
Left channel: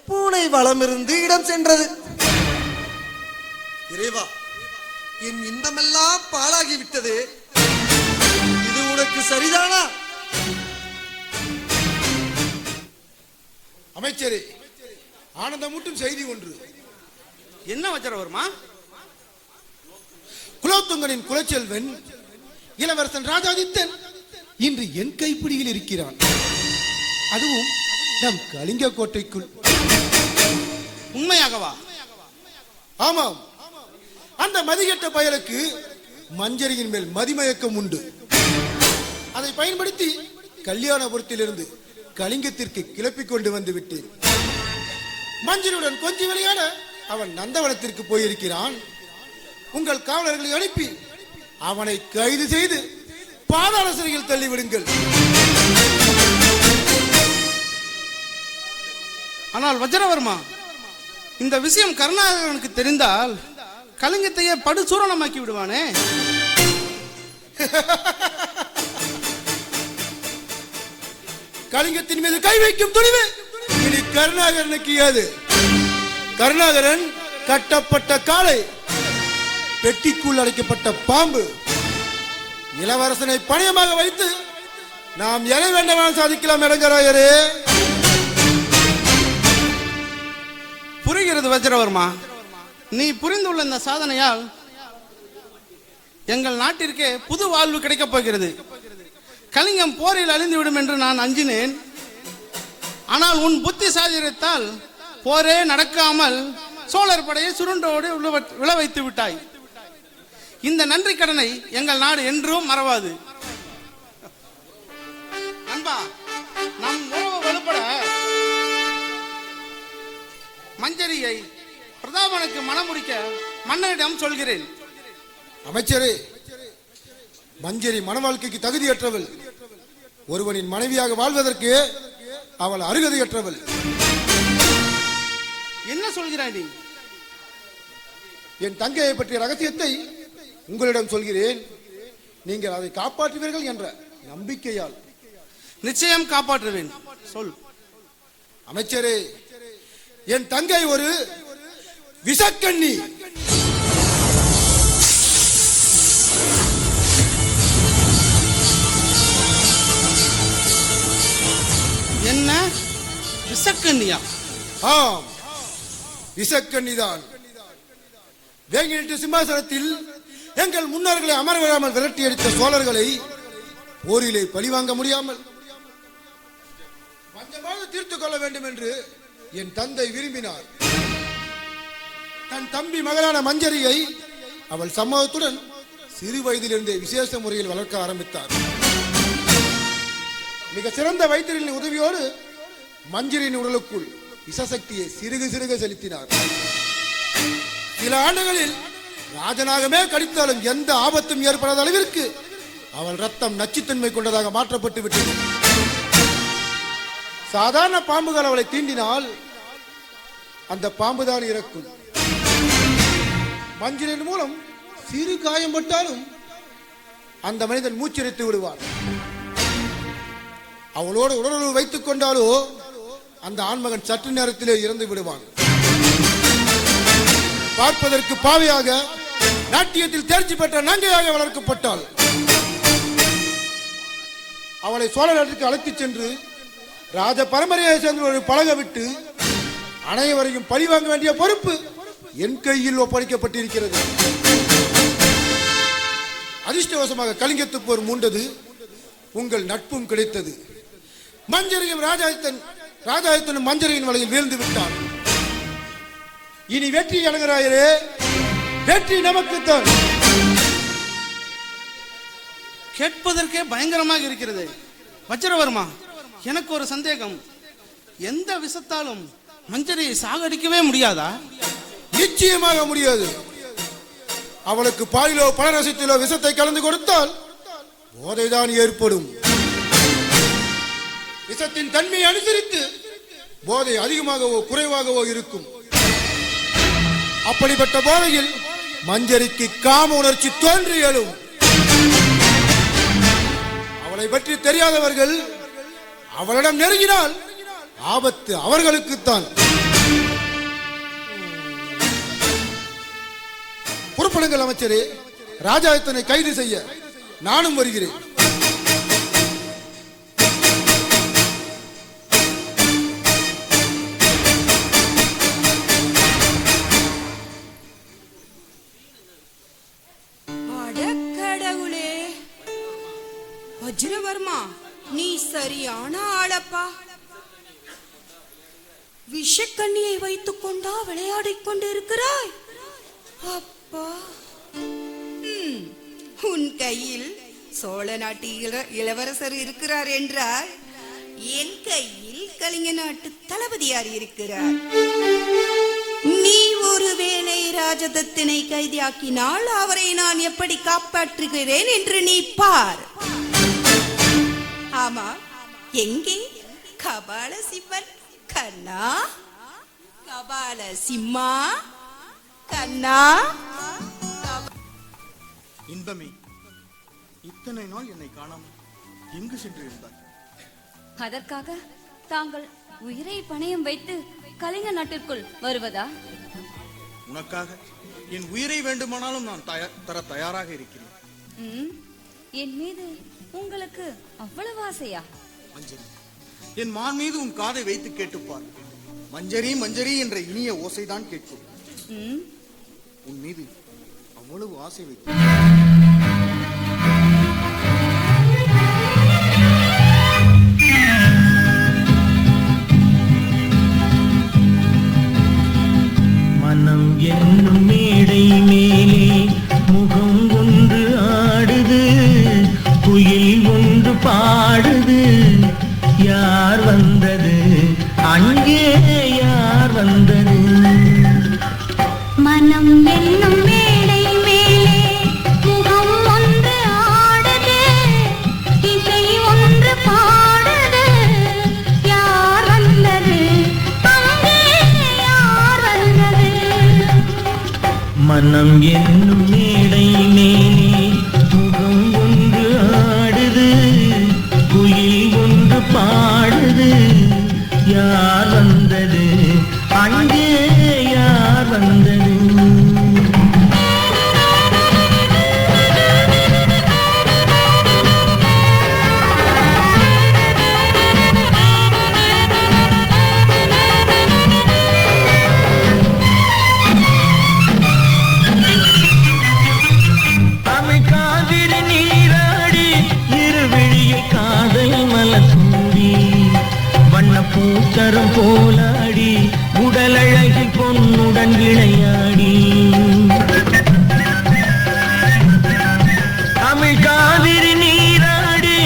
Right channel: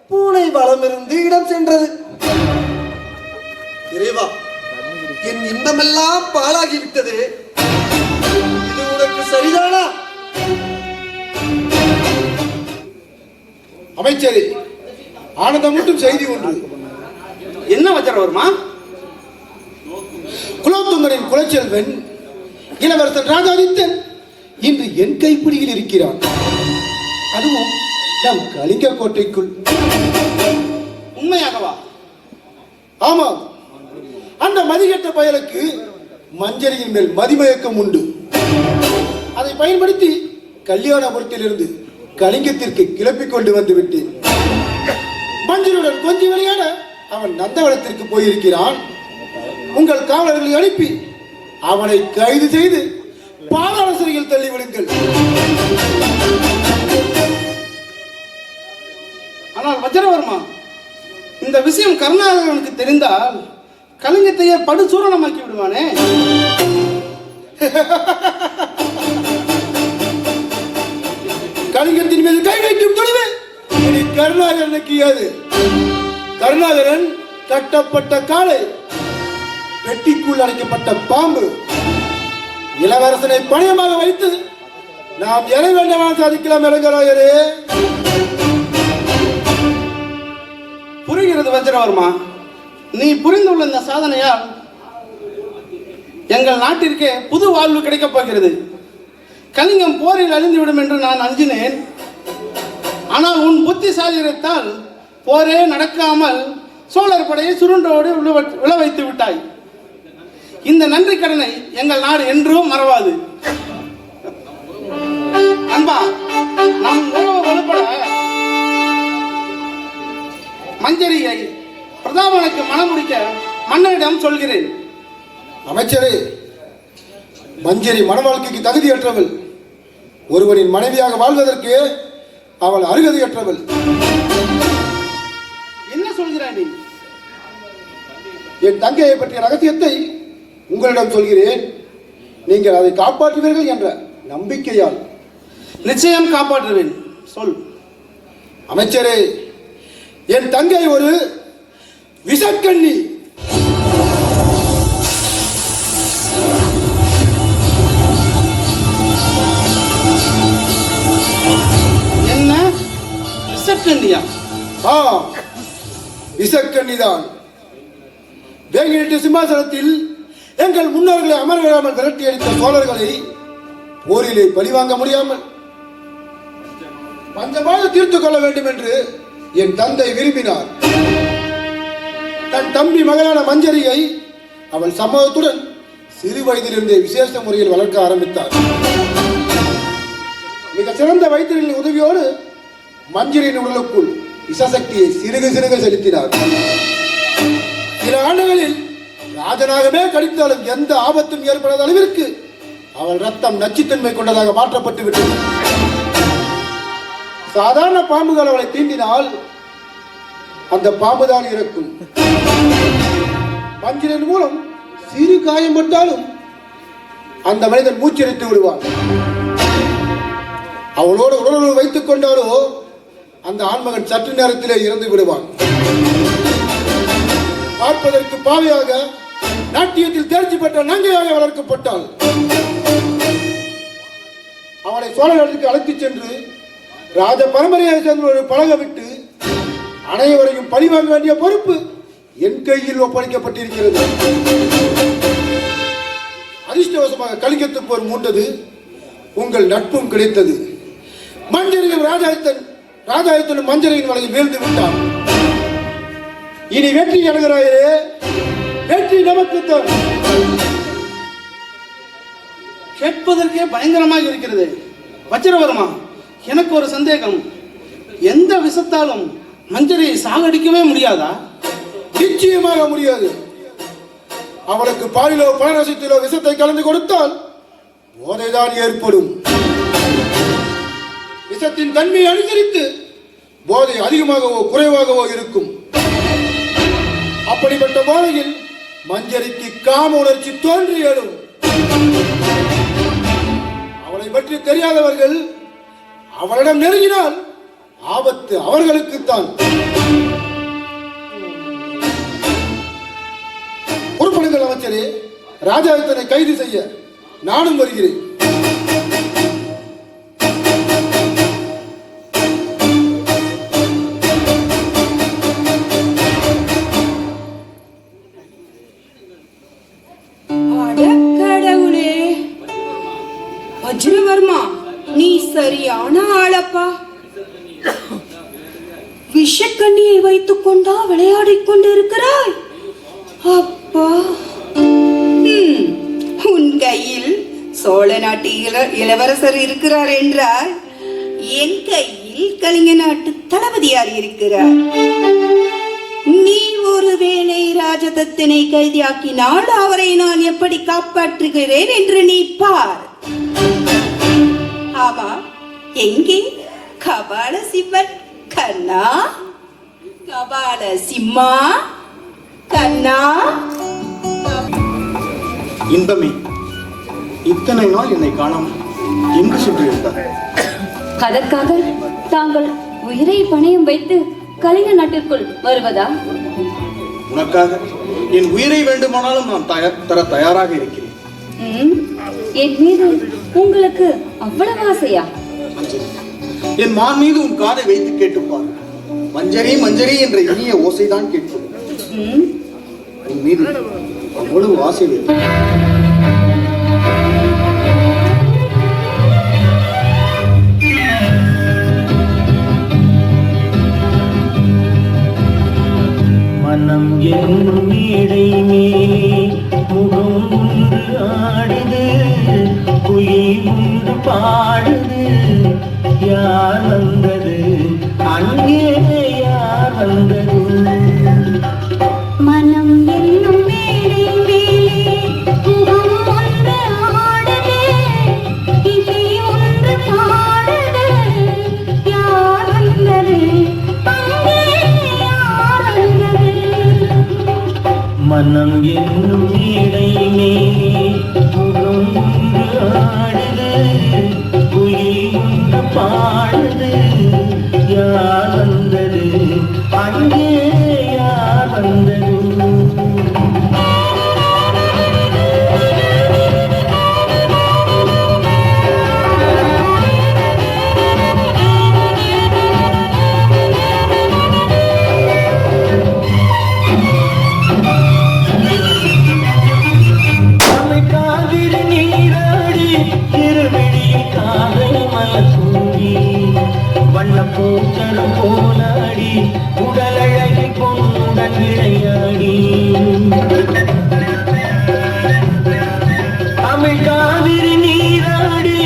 பூனை வளம் இருந்து இடம் சென்றது. இறைவா, என் இன்பமெல்லாம் பாழாகிவிட்டது. இது உனக்கு சரிதானா? அமைச்சரே, ஆனந்தம் மட்டும் செய்தி ஒன்று. என்ன வச்சரவர்மா? குலோத்துங்கனின் குலச்செல்வன் இளவரசன் ராஜாதித்தன் இன்று என் கைப்பிடியில் இருக்கிறான். அதுவும் நம் கலிங்க கோட்டைக்குள். உண்மையாகவா? ஆமாம். அந்த மதிகட்ட பயலுக்கு மஞ்சரியின் மேல் மதிமயக்கம் உண்டு. அதை பயன்படுத்தி கல்யாணபுரத்திலிருந்து கலிங்கத்திற்கு கிளப்பிக் கொண்டு வந்து விட்டேன். மஞ்சளுடன் கொஞ்சம் விளையாட அவன் நந்தவனத்திற்கு போயிருக்கிறான். உங்கள் காவலர்களை அனுப்பி அவனை கைது செய்து பாதாள சிறையில் தள்ளிவிடுங்கள். ஆனால் வஜ்ரவர்மா, இந்த விஷயம் கருணாகரனுக்கு தெரிந்தால் கலிங்கத்தையே படுசூரணமாக்கி விடுவானே. கலிங்கத்தின் மீது கை வைக்கும் துணிவு இனி கருணாகரனுக்கு ஏது? கருணாகரன் கட்டப்பட்ட காளை, பெட்டிக்குள் அடைக்கப்பட்ட பாம்பு. இளவரசனை பணியமாக வைத்து நாம் எதை வேண்டாம் சாதிக்கலாம். இளைஞராயரே, புரிகிறது வஜ்ரவர்மா. நீ புரிந்துள்ள இந்த சாதனையால் எங்கள் நாட்டிற்கே புது வாழ்வு கிடைக்கப் போகிறது. கலிங்கம் போரில் அழிந்துவிடும் என்று நான் அஞ்சினேன். ஆனால் உன் புத்திசாலியத்தால் போரே நடக்காமல் சோழர் படையை சுருண்டோடு விழ வைத்து விட்டாய். இந்த நன்றி கடனை எங்கள் நாடு என்றும் மறவாது. நண்பா, நம் உறவு வலுப்பட மஞ்சரியை பிரதாபனுக்கு மணமுடிக்க மன்னரிடம் சொல்கிறேன். அமைச்சரே, மஞ்சரி மன வாழ்க்கைக்கு தகுதியற்றவள். ஒருவரின் மனைவியாக வாழ்வதற்கு அவள் அருகதையற்றவள். என்ன சொல்கிறாய் நீ? என் தங்கையை பற்றிய ரகசியத்தை உங்களிடம் சொல்கிறேன். நீங்கள் அதை காப்பாற்றுவீர்கள் என்ற நம்பிக்கையால். நிச்சயம் காப்பாற்றுவேன். சொல். அமைச்சரே, என் தங்கை ஒரு விஷக்கண்ணி. என்ன விஷக்கண்ணியா? விஷக்கண்ணிதான். வேங்கிட்டு சிம்மாசனத்தில் எங்கள் முன்னோர்களை அமர விடாமல் விரட்டி அடித்த சோழர்களை போரிலே பழிவாங்க முடியாமல் பஞ்சமாக தீர்த்துக் கொள்ள வேண்டும் என்று என் தந்தை விரும்பினார். தன் தம்பி மகளான மஞ்சரியை அவள் சமூகத்துடன் சிறு வயதிலிருந்தே விசேஷ முறையில் வளர்க்க ஆரம்பித்தார். மிக சிறந்த வைத்தியர்களின் உதவியோடு மஞ்சரின் உடலுக்குள் விஷசக்தியை சிறுக சிறுக செலுத்தினார். சில ஆண்டுகளில் ராஜனாகவே கடித்தாலும் எந்த ஆபத்தும் ஏற்படாத அளவிற்கு அவள் ரத்தம் நச்சுத்தன்மை கொண்டதாக மாற்றப்பட்டு விட்டது. சாதாரண பாம்புகள் அவளை தீண்டினால் அந்த பாம்புதான் இறக்கும். மஞ்சளின் மூலம் சிறு காயப்பட்டாலும் அந்த மனிதன் மூச்சரித்து விடுவான். அவளோடு உடலுறவு வைத்துக் கொண்டாலோ அந்த ஆண்மகன் சற்று நேரத்திலே இறந்து விடுவான். பார்ப்பதற்கு பாவையாக, நாட்டியத்தில் தேர்ச்சி பெற்ற நங்கையாக வளர்க்கப்பட்டாள். அவளை சோழ நாட்டுக்கு அழைத்துச் சென்று ராஜ பரம்பரையை சேர்ந்த பழக விட்டு அனைவரையும் பழிவாங்க வேண்டிய பொறுப்பு என் கையில் ஒப்படைக்கப்பட்டிருக்கிறது. அதிர்ஷ்டவசமாக கலிங்கத்து போர் மூண்டது. உங்கள் நட்பும் கிடைத்தது. மஞ்சரியும் ராஜாயத்தனும் மஞ்சரியின் வலையில் வீழ்ந்து விட்டான். இனி வெற்றி அடைகிறாயே, வெற்றி நமக்குத்தான். கேட்பதற்கே பயங்கரமாக இருக்கிறது. வச்சிரவர்மா, எனக்கு ஒரு சந்தேகம். எந்த விஷத்தாலும் மஞ்சரியை சாகடிக்கவே முடியாதா? நிச்சயமாக முடியாது. அவளுக்கு பாலிலோ பழரசத்திலோ விஷத்தை கலந்து கொடுத்தால் போதைதான் ஏற்படும். விஷத்தின் தன்மையை அனுசரித்து போதை அதிகமாகவோ குறைவாகவோ இருக்கும். அப்படிப்பட்ட போதையில் மஞ்சரிக்கு காம உணர்ச்சி தோன்றி எழும். அவளை பற்றி தெரியாதவர்கள் அவளிடம் நெருங்கினால் ஆபத்து அவர்களுக்குத்தான். பொறுப்படுங்கள் அமைச்சரே. ராஜாயத்தனை கைது செய்ய நானும் வருகிறேன். கடவுளே, வஜ்ரவர்மா, நீ சரியான ஆளப்பா. விஷக்கண்ணியை வைத்துக் கொண்டா விளையாடிக் கொண்டிருக்கிறாய்? அப்பா, உன் கையில் சோழ நாட்டு இளவரசர் இருக்கிறார் என்றால் என் கையில் கலிங்க நாட்டு தளபதியார் இருக்கிறார். நீ ஒருவேளை ராஜதத்தனை கைதியாக்கினால் அவரை நான் எப்படி காப்பாற்றுகிறேன் என்று நீ பார். ஆமா, எங்கே கபால சிவன் கண்ணா? கபால சிம்மா கண்ணா? இன்பமே, இத்தனை நாள் என்னை காணாமல் எங்கு சென்றிருந்தார்? அதற்காக தாங்கள் உயிரை பணயம் வைத்து கலிங்க நாட்டிற்குள் வருவதா? உனக்காக என் உயிரை வேண்டுமானாலும் நான் தர தயாராக இருக்கிறேன். என் மீது உங்களுக்கு அவ்வளவு ஆசையா? என் மான் மீது உன் காதை வைத்து கேட்டுப்பார். மஞ்சரி மஞ்சரி என்ற இனிய ஓசைதான் கேட்கும். உன் மீது அவ்வளவு ஆசை வேண்டும். மனம் என்னும் மேடையிலே முகம் ஒன்று ஆடுது, குயில் ஒன்று பாடுது. நீடையிலே முகம் ஒன்று ஆடுது, குயில் ஒன்று பாடுது. யார் வந்தது அங்கே, யார் வந்தது? பூச்சரம் போலாடி உடலழகி பொன்னுடன் விளையாடி தமிழ் காவிரி நீராடி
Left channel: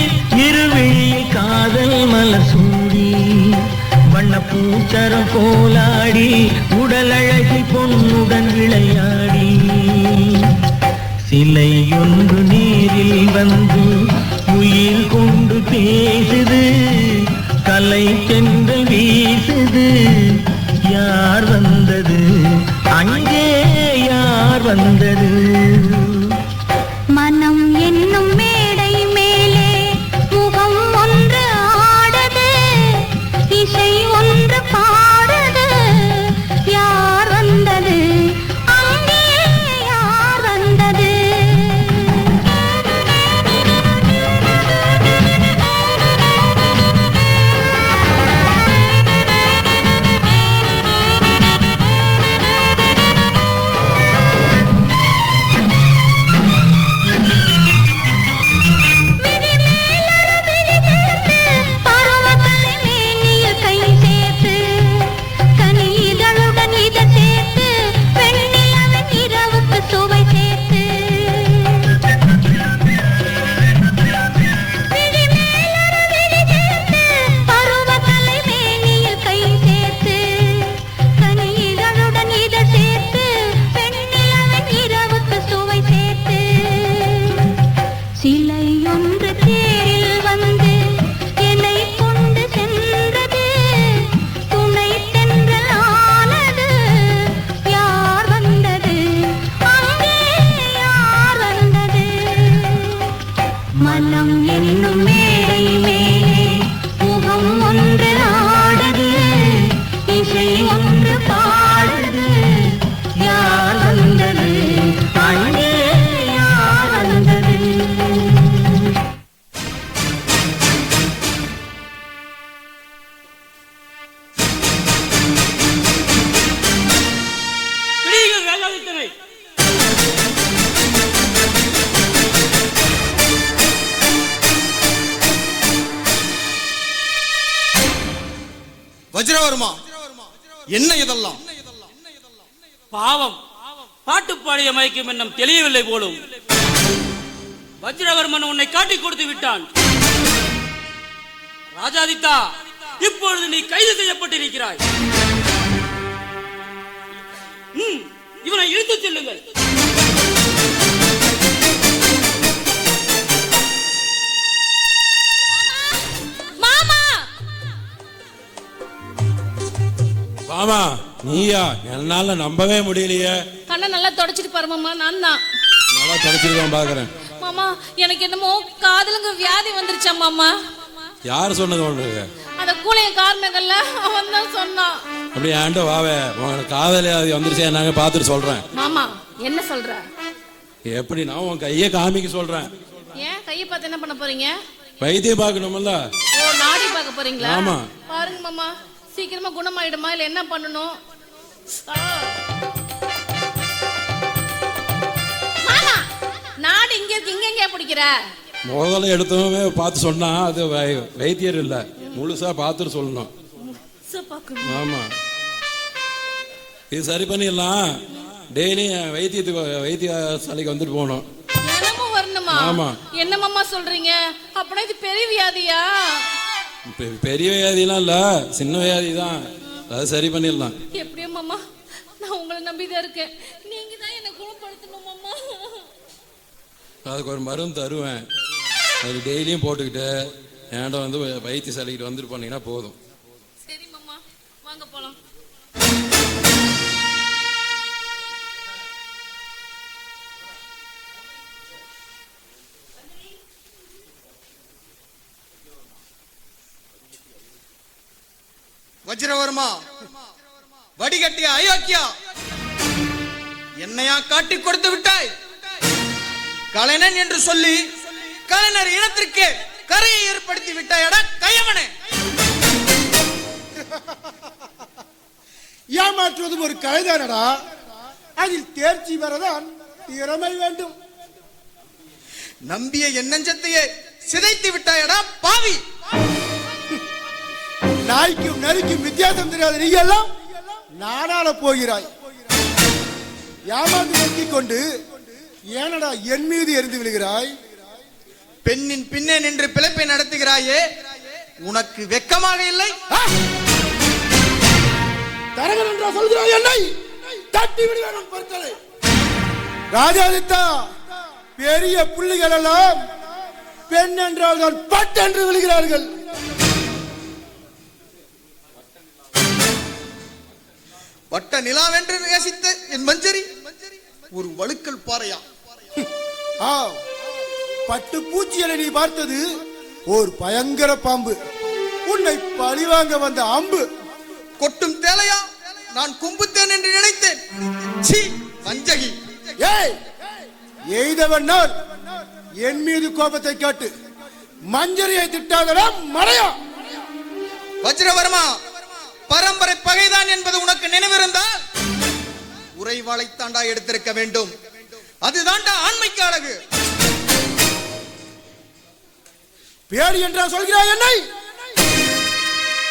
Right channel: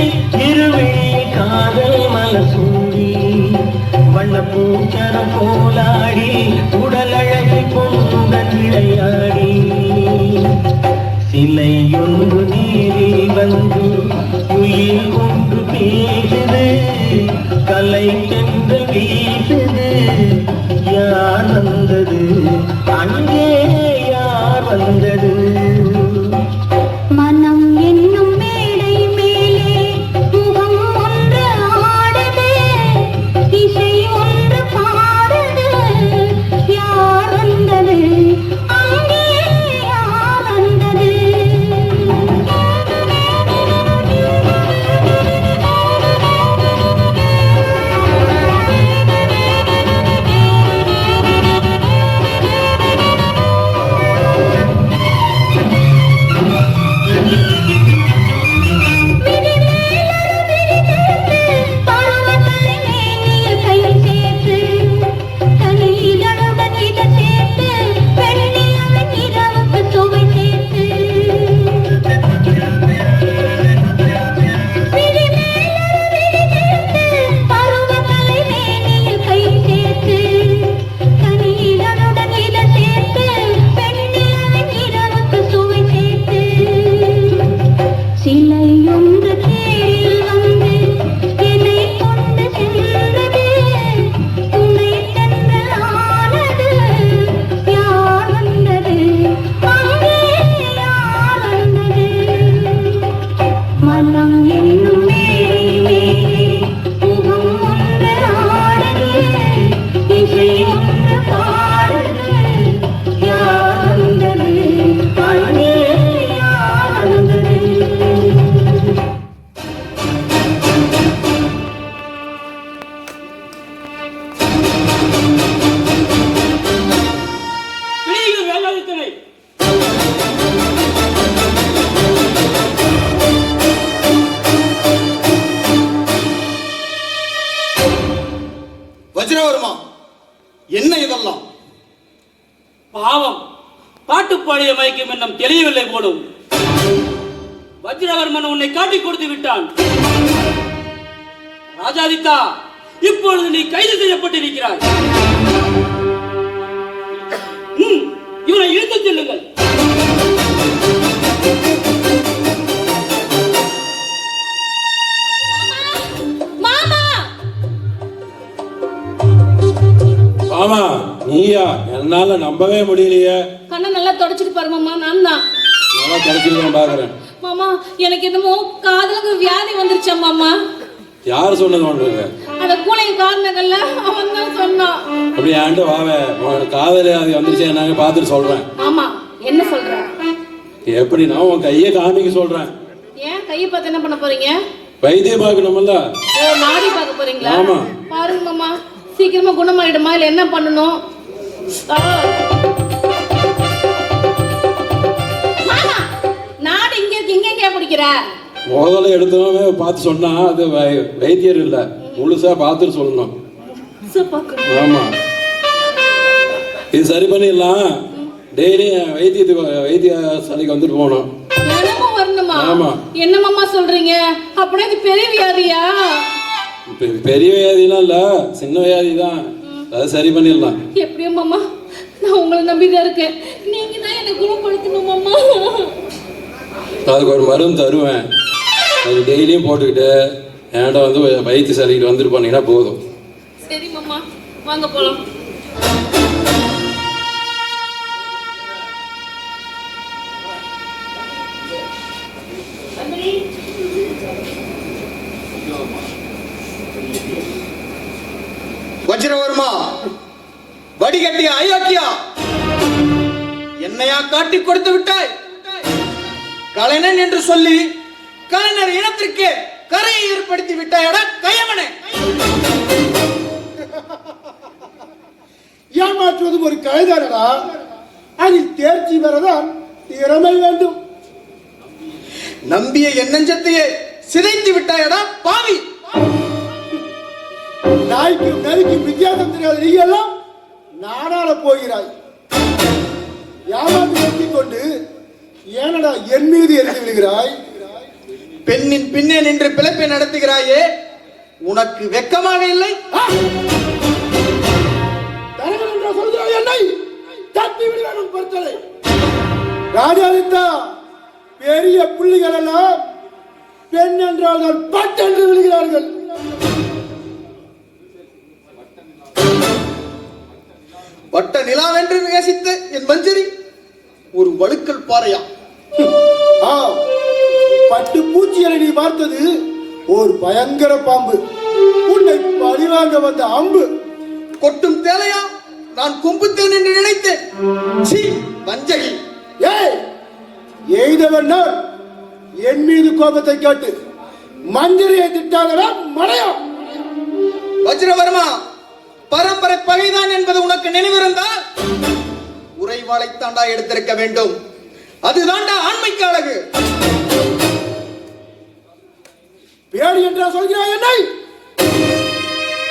இருவிழி காதல் மலசூடி வண்ண பூச்சரம் போலாடி உடலழகி பொன்னுடன் விளையாடி சிலையொன்று நீரில் வந்து உயிர் கொண்டு பேசுது, கலை சென்று வீசுது. யார் வந்தது அங்கே, யார் வந்தது? மனம் என்னும் மேடை மேலே முகம் ஒன்று ஆடுது, இசை ஒன்று பாடுது. யார் வந்தது அங்கே, யார் வந்தது? வஜ்ரவர்மா, என்ன இதெல்லாம்? பாவம், பாட்டுப்பாடிய மயக்கம் என்னும் தெளியவில்லை போலும். வஜ்ரவர்மன் உன்னை காட்டிக் கொடுத்து விட்டான். ராஜாதித்தா, இப்பொழுது நீ கைது செய்யப்பட்டிருக்கிறாய். இவனை இழுத்துச் செல்லுங்கள். ஆமா, நீயா? என்னால நம்பவே முடியலையே. அண்ணன் நல்லா தொடச்சிட்டு பாரு மாமா. நான் தான் நல்லா தொடச்சிருக்கேன் பாக்குறேன். மாமா, எனக்கு என்னமோ காதலுக்கு வியாதி வந்துருச்சா மாமா. யார் சொன்னது உங்களுக்கு? அந்த கூலையும் கால் மேகல்ல அவன் தான் சொன்னான். அப்படி ஏன்ட்டு வாவே, உங்களுக்கு காதல் வியாதி வந்துச்சு, நாங்க பார்த்துட்டு சொல்றேன். மாமா, என்ன சொல்ற? எப்படின்னா உன் கையை காமிக்க சொல்றேன். ஏன் கையை பார்த்து என்ன பண்ண போறீங்க? வைத்தியம் பார்க்கணும்ல. ஓ, நாடி பார்க்க போறீங்களா? ஆமா. பாருங்க மாமா, சீக்கிரமா குணமாயிடுமா இல்ல என்ன பண்ணணும்? நாடு இங்க இங்க பிடிக்கிற முதல்ல எடுத்தவங்க பார்த்து சொன்னா அது வைத்தியர் இல்ல, முழுசா பார்த்துட்டு சொல்லணும். ஆமா, இது சரி பண்ணிடலாம். டெய்லி வைத்தியசாலைக்கு வந்துட்டு போகணும். ஆமா. என்ன மாமா சொல்றீங்க? அப்படியே இது பெரிய வியாதியா? பெரிய வியாதிலாம் இல்ல, சின்ன வியாதி தான். அதை சரி பண்ணிடலாம். எப்படியோ மாமா, நான் உங்களை நம்பிதான் இருக்கேன். நீங்க தான் என்ன குணப்படுத்தணும் மாமா. அதுக்கு ஒரு மருந்து தருவேன், அது டெய்லியும் போட்டுக்கிட்டு என்கிட்ட வந்து வைத்தியசாலைக்கு வந்துட்டு போனீங்கன்னா போதும். சரி மாமா, வாங்க போலாம். வஜ்ரவர்மா, வடிகட்டிய அயோக்கியா, என்னையா காட்டி கொடுத்து விட்டாய்? கலைஞன் என்று சொல்லி கலைஞர் இனத்திற்கு கரையை ஏற்படுத்தி விட்டாயடா கயவனே. ஏமாற்றுவது ஒரு கலைதானடா, அதில் தேர்ச்சி பெறதான் திறமை வேண்டும். நம்பிய என் நெஞ்சத்தையே சிதைத்து விட்டாயடா பாவி. நாய்க்கும் நரிக்கும் வித்தியாசம் தெரியாத நீங்க எல்லாம் நாடாள போகிறாய். ஏமாற்றி நோக்கிக் கொண்டு ஏனடா என் மீது எழுதி விடுகிறாய்? பெண்ணின் பின்னே நின்று பிழைப்பை நடத்துகிறாயே, உனக்கு வெக்கமாக இல்லை? தரங்கள் என்று சொல்கிறாய், என்னை தட்டி விடுகிறான் பொருட்களை. ராஜாதித்தா, பெரிய புள்ளிகள் எல்லாம் பெண் என்றார்கள் பட்டென்று விடுகிறார்கள். வட்ட நிலாவென்று நேசித்த என் மஞ்சரி ஒரு வழுக்கல் பாறையா? பட்டு பூச்சியை நீ பார்த்தது ஒரு பயங்கர பாம்பு, உன்னை பழிவாங்க வந்த அம்பு. கொட்டும் தேலையா நான் கும்புத்தேன் என்று நினைத்தேன். சீ வஞ்சகி! எய்தவன் என் மீது கோபத்தை காட்டு, மஞ்சரியை திட்டாதடா மடையா. வஜ்ரவர்மா, பரம்பரை பகைதான் என்பது உனக்கு நினைவிருந்தால் உறைவாளைத்தாண்டா எடுத்திருக்க வேண்டும். அதுதான்டா ஆண்மைக்கு அழகு. பேடி என்றா சொல்கிறாய் என்னை?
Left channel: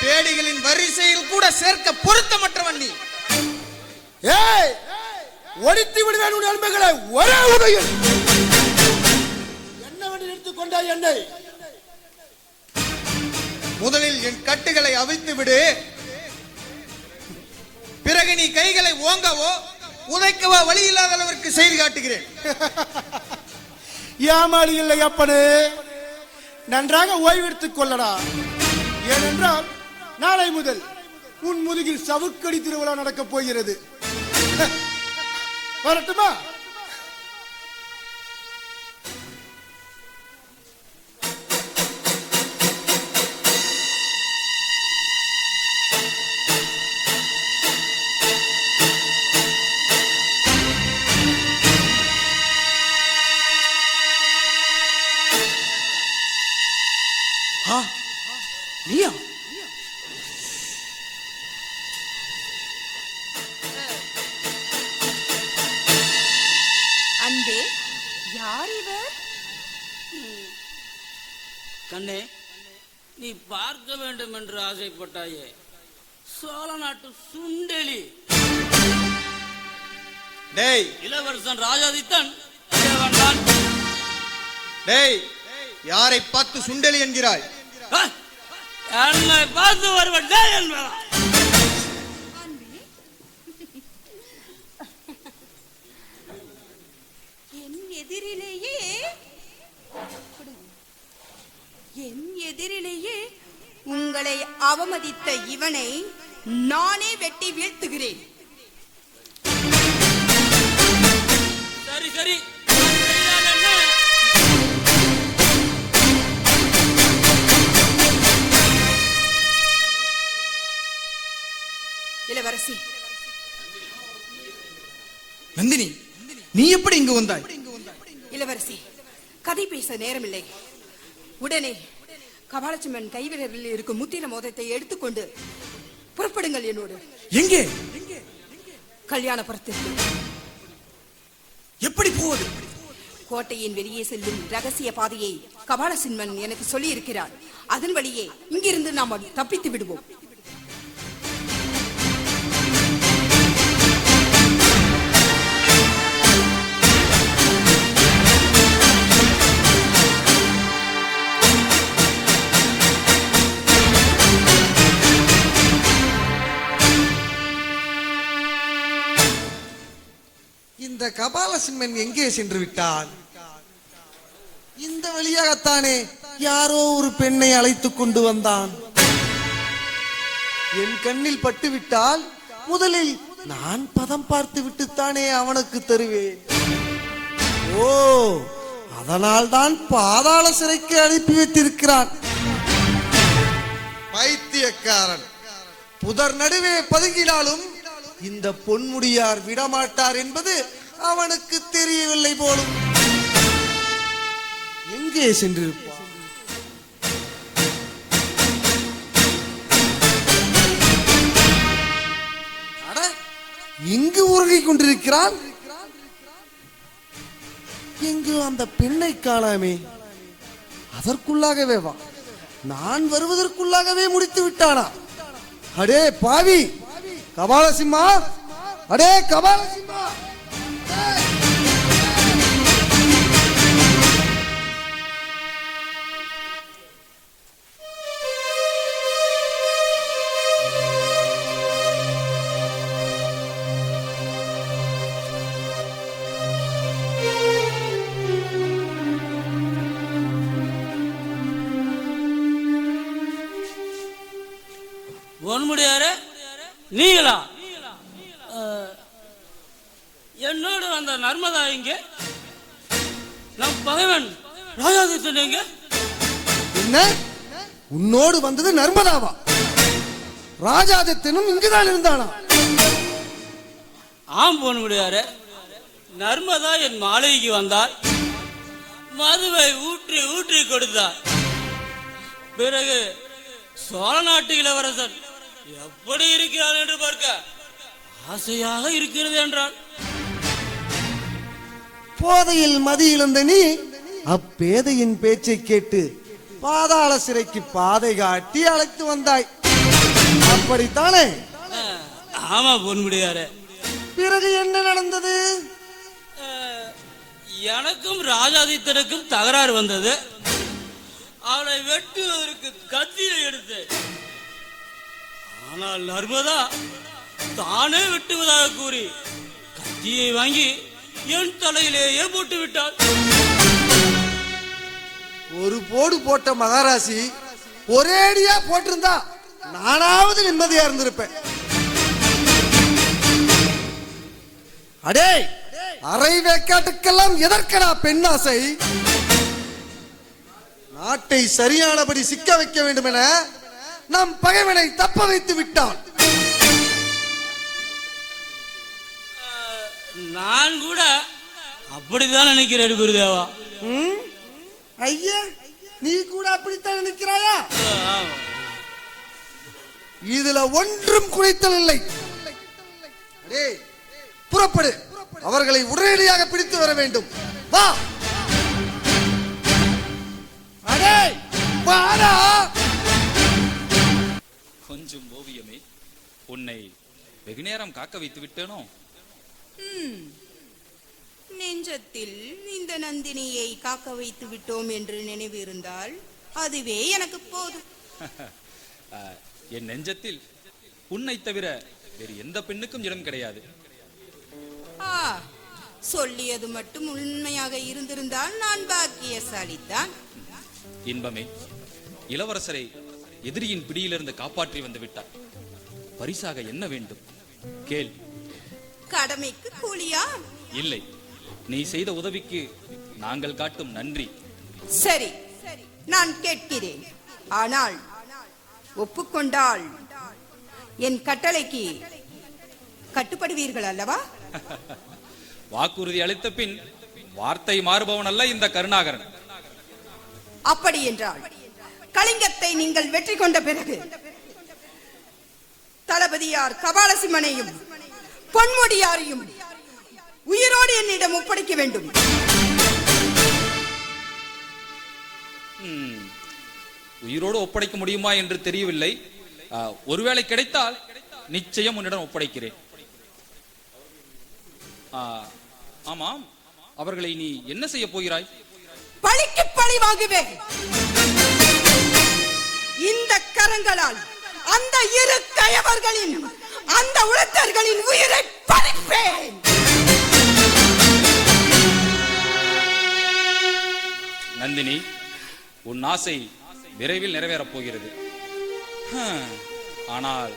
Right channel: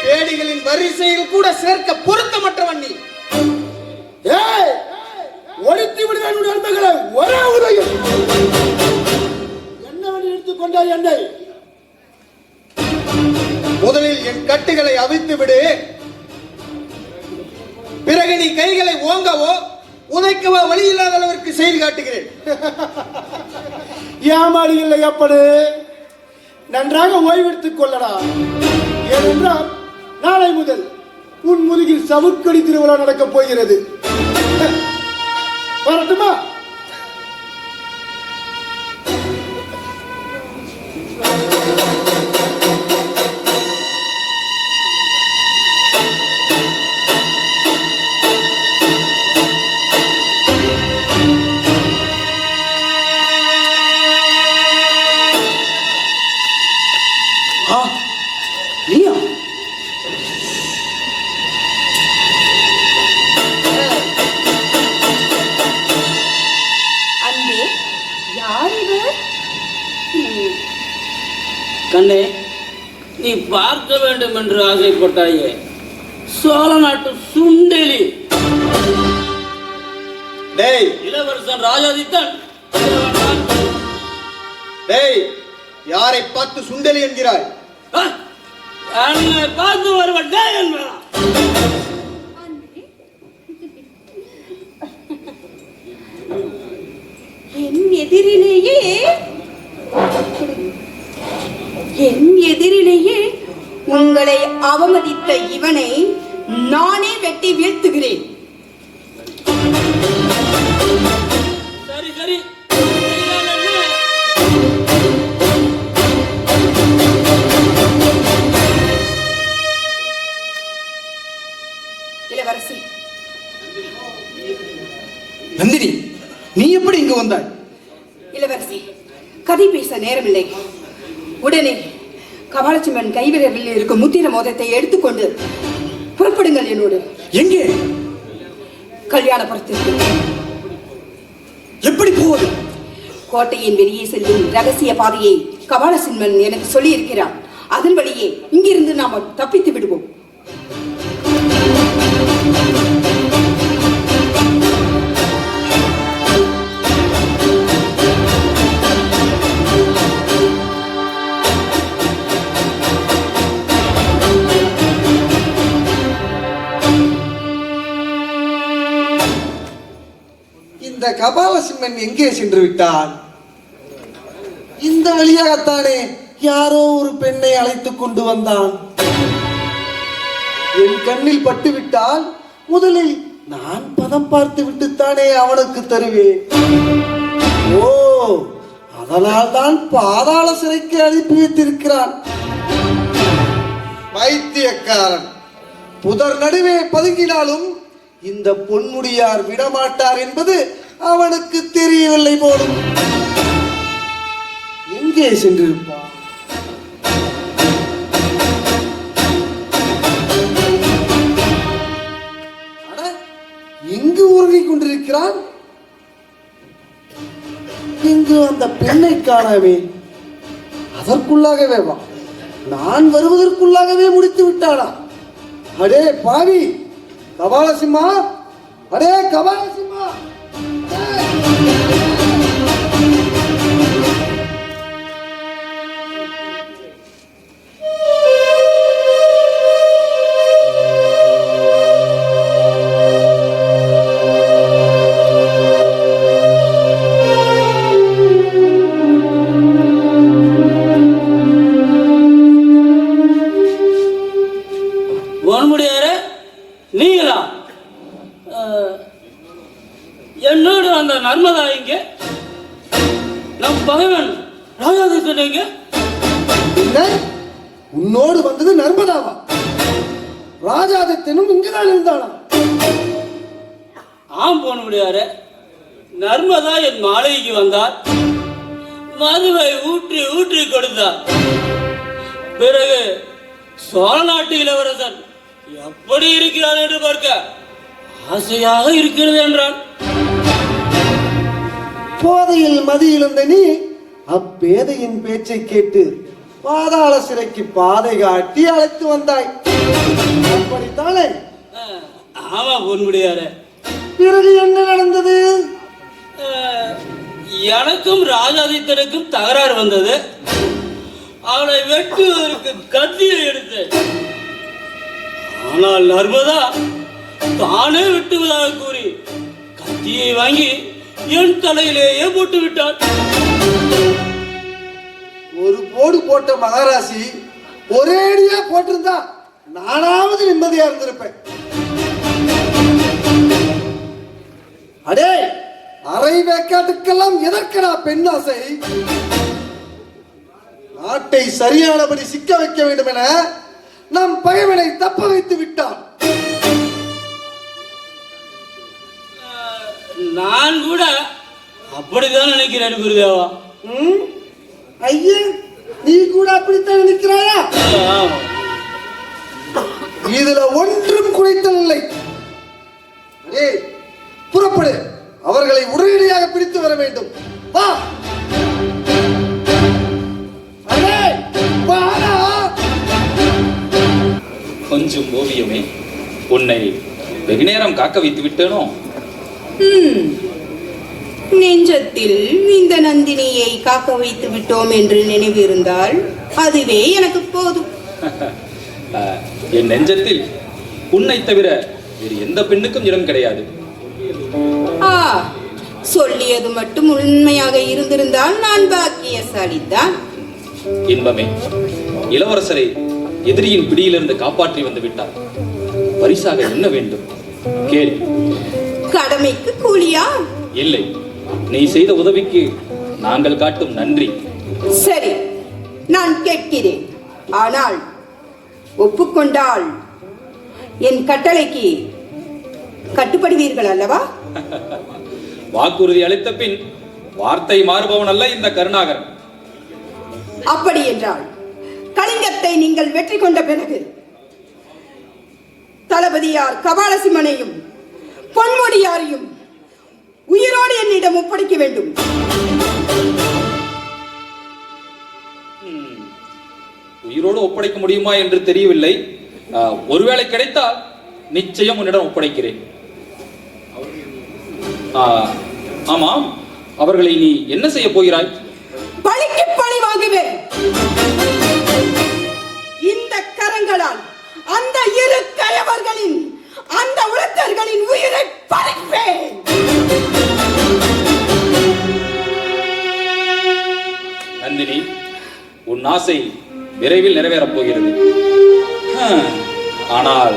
பேடிகளின் வரிசையில் கூட சேர்க்க பொருத்தமற்றவன் நீ. ஒழித்து விடுவேன் நண்பர்களை ஒரே உலகில். என்னவென்று எடுத்துக் கொண்டாய் என்னை? முதலில் என் கட்டுகளை அவிழ்த்து விடு. பிறகு நீ கைகளை ஓங்கவோ உதைக்கவோ வழி இல்லாத அளவிற்கு செய்து காட்டுகிறேன். ஏமாடி இல்லை அப்பனே, நன்றாக ஓய்வெடுத்துக் கொள்ளடா. ஏனென்றால் நாளை முதல் உன் முதுகில் சவுக்கடி திருவிழா நடக்கப் போகிறது. வரட்டுமா? கண்ணே, நீ பார்க்க வேண்டும் என்று ஆசைப்பட்டாயே, சோழ நாட்டு சுண்டெலி இளவரசன் ராஜாதித்தன். யாரை பார்த்து சுண்டெலி என்கிறாய்? என்னை பார்த்து வருவன் என் எதிரிலேயே உங்களை அவமதித்த இவனை நானே வெட்டி வீழ்த்துகிறேன். சரி சரி, இளவரசி. நந்தினி, நீ எப்படி இங்கு வந்தாய்? இளவரசி, கதை பேச நேரமில்லை. உடனே கபாலச்சிம்மன் கைவிரலில் இருக்கும் முத்திர மோதத்தை எடுத்துக்கொண்டு புறப்படுங்கள் என்னோடு. எங்கே? கல்யாணபுரத்திற்கு. எப்படி போவது? கோட்டையின் வெளியே செல்லும் ரகசிய பாதையை கபாலசிம்மன் எனக்கு சொல்லி இருக்கிறார். அதன்படியே இங்கிருந்து நாம் தப்பித்து விடுவோம். இந்த கபாலசிம்மன் எங்கே சென்று விட்டான்? இந்த வழியாகத்தானே யாரோ ஒரு பெண்ணை அழைத்துக் கொண்டு வந்தான். என் கண்ணில் பட்டு விட்டால் முதலில் நான் பதம் பார்த்து விட்டுத்தானே அவனுக்கு தருவேன். ஓ, அதனால் தான் பாதாள சிறைக்கு அனுப்பி வைத்திருக்கிறான். பைத்தியக்காரன், புதர் நடுவே பதுங்கினாலும் இந்த பொன்முடியார் விடமாட்டார் என்பது அவனுக்கு தெரியவில்லை போலும். எங்கே சென்றிருப்பான்? எங்கு உறங்கி கொண்டிருக்கிறான்? இங்கு அந்த பெண்ணை காணவே. அதற்குள்ளாகவே வா, நான் வருவதற்குள்ளாகவே முடித்து விட்டானா? அடே பாவி கபாலசிம்மா, அடே கபாலசிம்மா! பொன்முடியாரே, நீங்களா? என்னோடு அந்த நர்மதா இங்கே, நம் பகைவன் ராஜாதித்தன் இங்கே. என்ன? உன்னோடு வந்தது நர்மதாவா? ராஜாதித்தனும் இங்குதான் இருந்தானா? ஆம் பொன்முடியாரே, நர்மதா என் மாளிகைக்கு வந்தார். மதுவை ஊற்றி ஊற்றி கொடுத்தார். பிறகு சோழ நாட்டு இளவரசன் எப்படி இருக்கிறார் என்று பார்க்க ஆசையாக இருக்கிறது என்றான். போதையில் மதியிலிருந்த நீ அப்பேதையின் பேச்சை கேட்டு பாதாள சிறைக்கு பாதை காட்டி அழைத்து வந்தாய், அப்படித்தானே? ஆமா பொன்முடியாரே. பிறகு என்ன நடந்தது? எனக்கும் ராஜாதித்தனுக்கும் தகராறு வந்தது. அவனை வெட்டுவதற்கு கத்தியை எடுத்தேன். ஆனால் நர்மதா தானே வெட்டுவதாக கூறி கத்தியை வாங்கி என் தலையிலேயே போட்டு விட்டான். ஒரு போடு போட்ட மகாராசி ஒரேடியா போட்டிருந்தா நானாவது நிம்மதியா இருந்திருப்பேன். அடே, அரை வேக்காட்டுக்கெல்லாம் எதற்கடா பெண்ணாசை? நாட்டை சரியானபடி சிக்க வைக்க வேண்டும் என நம் பகைவனை தப்ப வைத்து விட்டான். நான் கூட அப்படித்தான் நினைக்கிறேன் குருதேவா. ஐயா, நீ கூட அப்படித்தான் நினைக்கிறாயா? இதுல ஒன்றும் குறைத்தல் புறப்படு, அவர்களை உடனடியாக பிடித்து வர வேண்டும். வா. கொஞ்சம் ஓவியமே, உன்னை வெகு நேரம் காக்க வைத்து விட்டேனோ? நெஞ்சத்தில் இந்த நந்தினியை காக்க வைத்து விட்டோம் என்று நினைவு இருந்தால் அதுவே எனக்கு போதும். என் நெஞ்சத்தில் உன்னை தவிர வேறு எந்த பெண்ணுக்கும் இடம் கிடையாது. சொல்லியது மட்டும் உண்மையாக இருந்திருந்தால் நான் பாக்கியசாலிதான். இன்பமே, இளவரசரை எதிரியின் பிடியிலிருந்து காப்பாற்றி வந்து விட்டார். பரிசாக என்ன வேண்டும்? கேள். கடமைக்கு கூலியா? இல்லை, நீ செய்த உதவிக்கு நாங்கள் காட்டும் நன்றி. சரி, நான் கேட்கிறேன். ஆனால் ஒப்புக்கொண்டால் என் கட்டளைக்கு கட்டுப்படுவீர்கள் அல்லவா? வாக்குறுதி அளித்த பின் வார்த்தை மாறுபவன் அல்ல இந்த கருணாகரன். அப்படி என்றால் கலிங்கத்தை நீங்கள் வெற்றி கொண்ட பிறகு தளபதியார் கபாலசிம்மனையும் பொன்முடியாரையும் உயிரோடு என்னிடம் ஒப்படைக்க வேண்டும். உயிரோடு ஒப்படைக்க முடியுமா என்று தெரியவில்லை. ஒருவேளை கிடைத்தால் நிச்சயம் உன்னிடம் ஒப்படைக்கிறேன். ஆமாம், அவர்களை நீ என்ன செய்ய போகிறாய்? பழிக்கு பழி வாங்குவேன். இந்த கரங்களால் அந்த இரு கயவர்களின், அந்த உலகர்களின் உயிரை பறிப்பேன். நந்தினி, உன் ஆசை விரைவில் நிறைவேறப் போகிறது. ஆனால்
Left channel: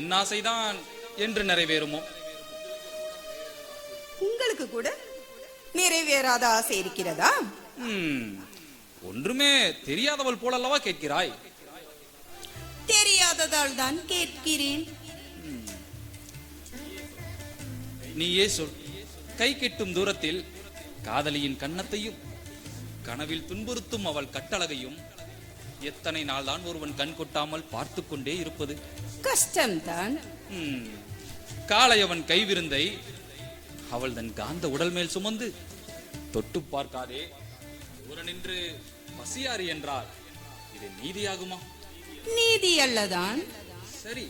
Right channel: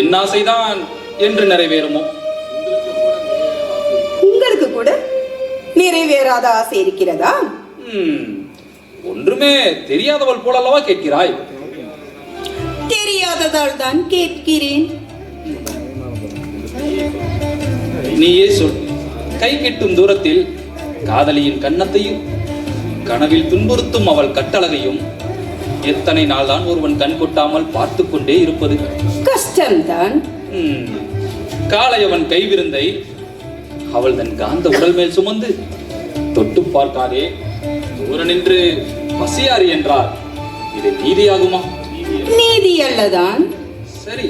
என் ஆசைதான் என்று நிறைவேறுமோ? உங்களுக்கு கூட நிறைவேறாத ஆசை இருக்கிறதா? ஒன்றுமே தெரியாதவள் போல அல்லவா கேட்கிறாய்? தெரியாததால் தான் கேட்கிறேன். நீயே சொல். கை கெட்டும் தூரத்தில் காதலியின் கன்னத்தையும் கனவில் துன்புறுத்தும் அவள் கட்டழகையும் எத்தனை நாள் தான் ஒருவன் கண் கொட்டாமல் பார்த்து கொண்டே இருப்பது? கஷ்டம்தான். காளையவன் கைவிருந்தை அவள் தன் காந்த உடல் மேல் சுமந்து தொட்டு பார்க்காதே தூர நின்று பசியாரி என்றார். இது நீதியாகுமா? நீதி அல்லதான். சரி,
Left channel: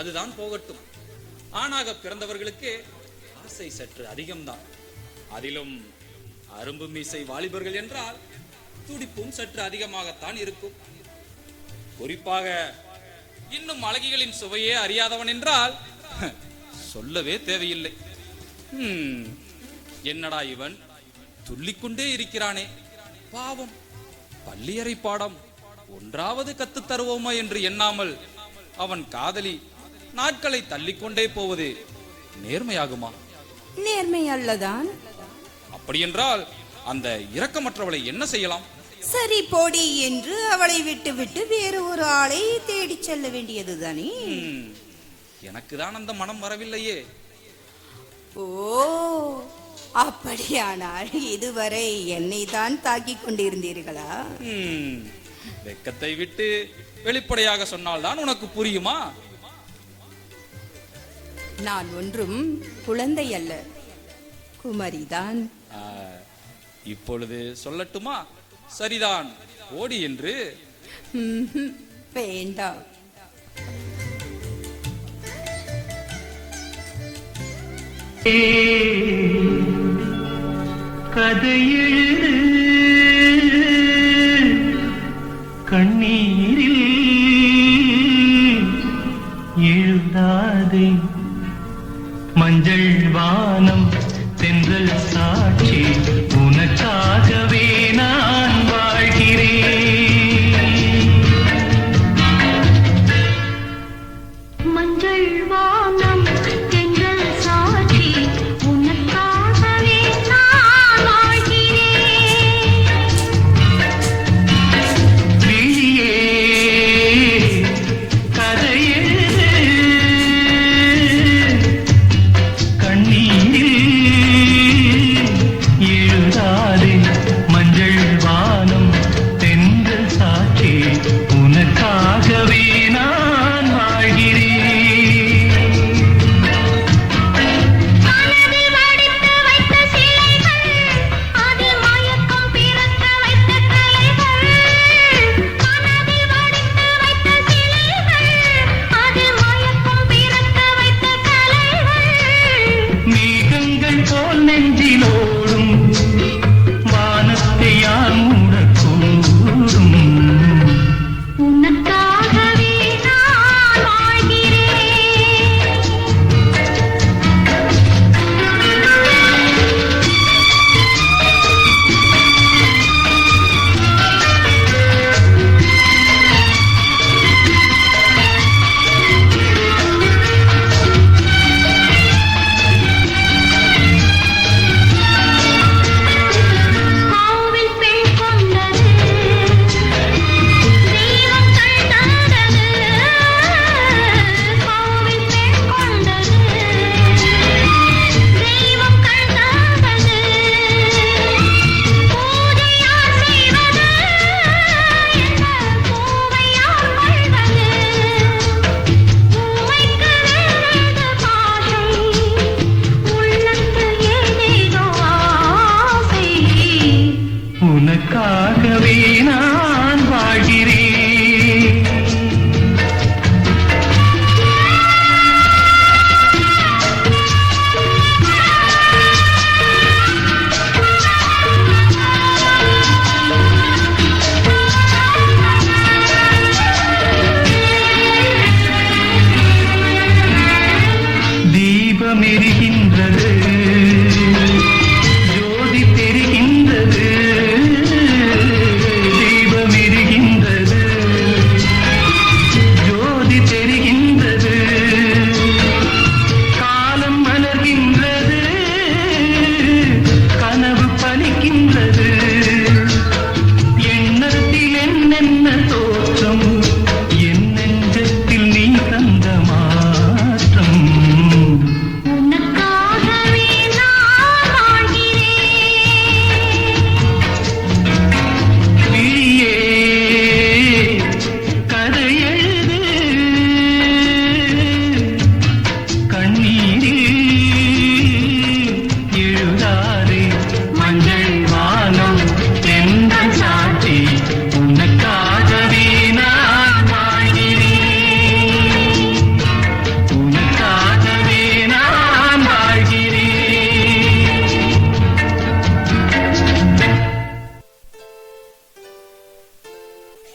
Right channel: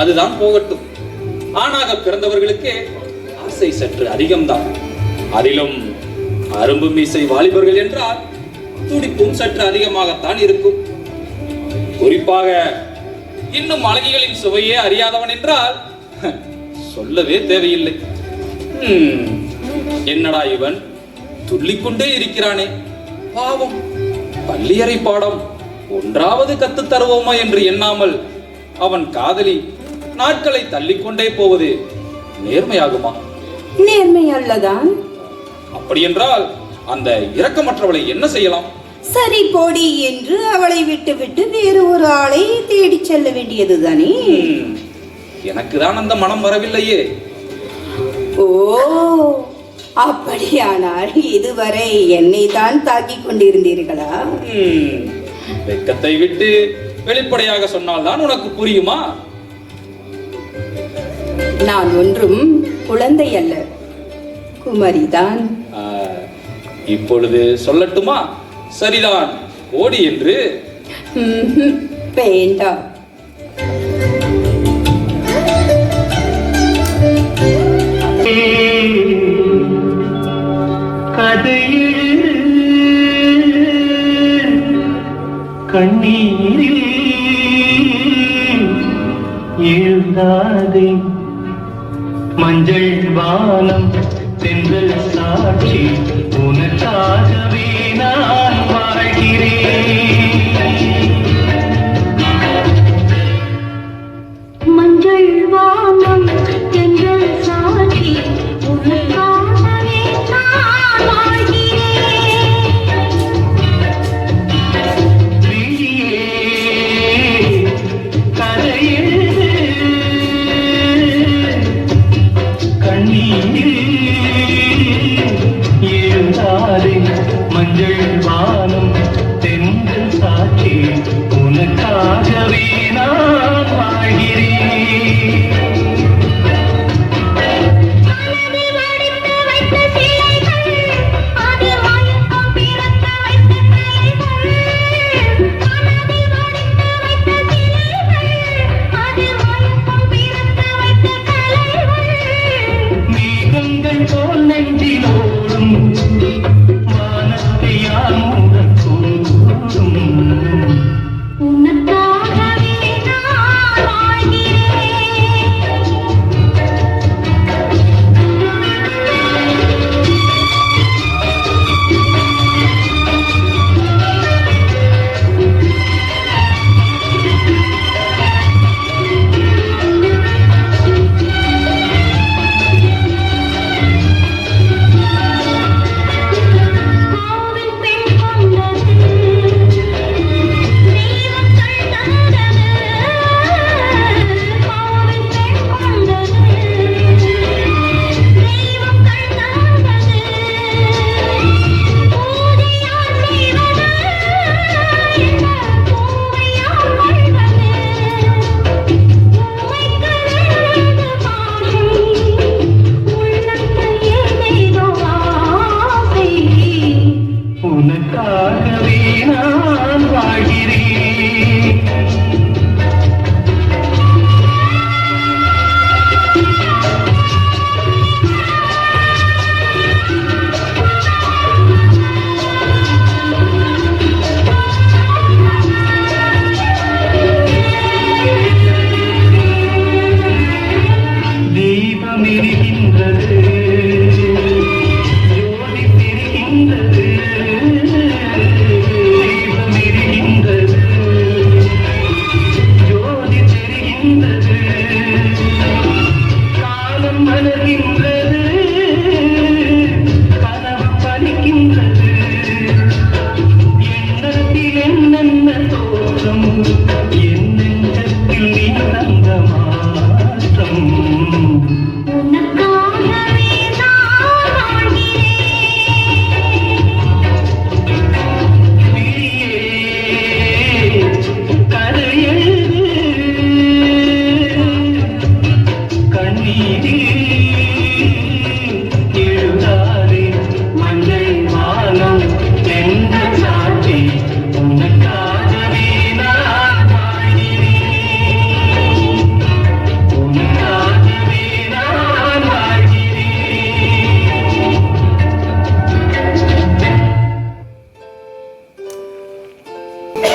அதுதான் போகட்டும். ஆணாக பிறந்தவர்களுக்கு ஆசை சற்று அதிகம்தான். அதிலும் அரும்பு மீசை வாலிபர்கள் என்றால் துடிப்பும் சற்று அதிகமாகத்தான் இருக்கும். குறிப்பாக இன்னும் அழகிகளின் சுவையே அறியாதவன் என்றால் சொல்லவே தேவையில்லை. என்னடா இவன் துள்ளிக்கொண்டே இருக்கிறானே, பாவம், பள்ளியறை பாடம் ஒன்றாவது கத்து தருவோமா என்று எண்ணாமல் அவன் காதலி நாட்களை தள்ளிக்கொண்டே போவது நேர்மையாகுமா? நேர்மை அல்லதான். அப்படி என்றால் அந்த இரக்கமற்றவளை என்ன செய்யலாம்? சரி போடி என்று அவளை விட்டு வேறு ஒரு ஆளை தேடி செல்ல வேண்டியதுதானே. எனக்கு தான் அந்த மனம் வரவில்லையே. ஓ, அப்படியானால் இதுவரை என்னை தான் தாக்கிக் கொண்டிருந்தீர்களா? வெட்கத்தை விட்டு வெளிப்படையாக சொன்னால்தான் உனக்கு புரியுமா? நான் ஒன்றும் குழந்தை அல்ல, குமரிதான். இப்பொழுது சொல்லட்டுமா? சரிதான், ஓடி என்று. வேண்டாம். கதையில் கண்ணீரில் எழுதாதே, மஞ்சள் வானம் தென்றல் சாட்சி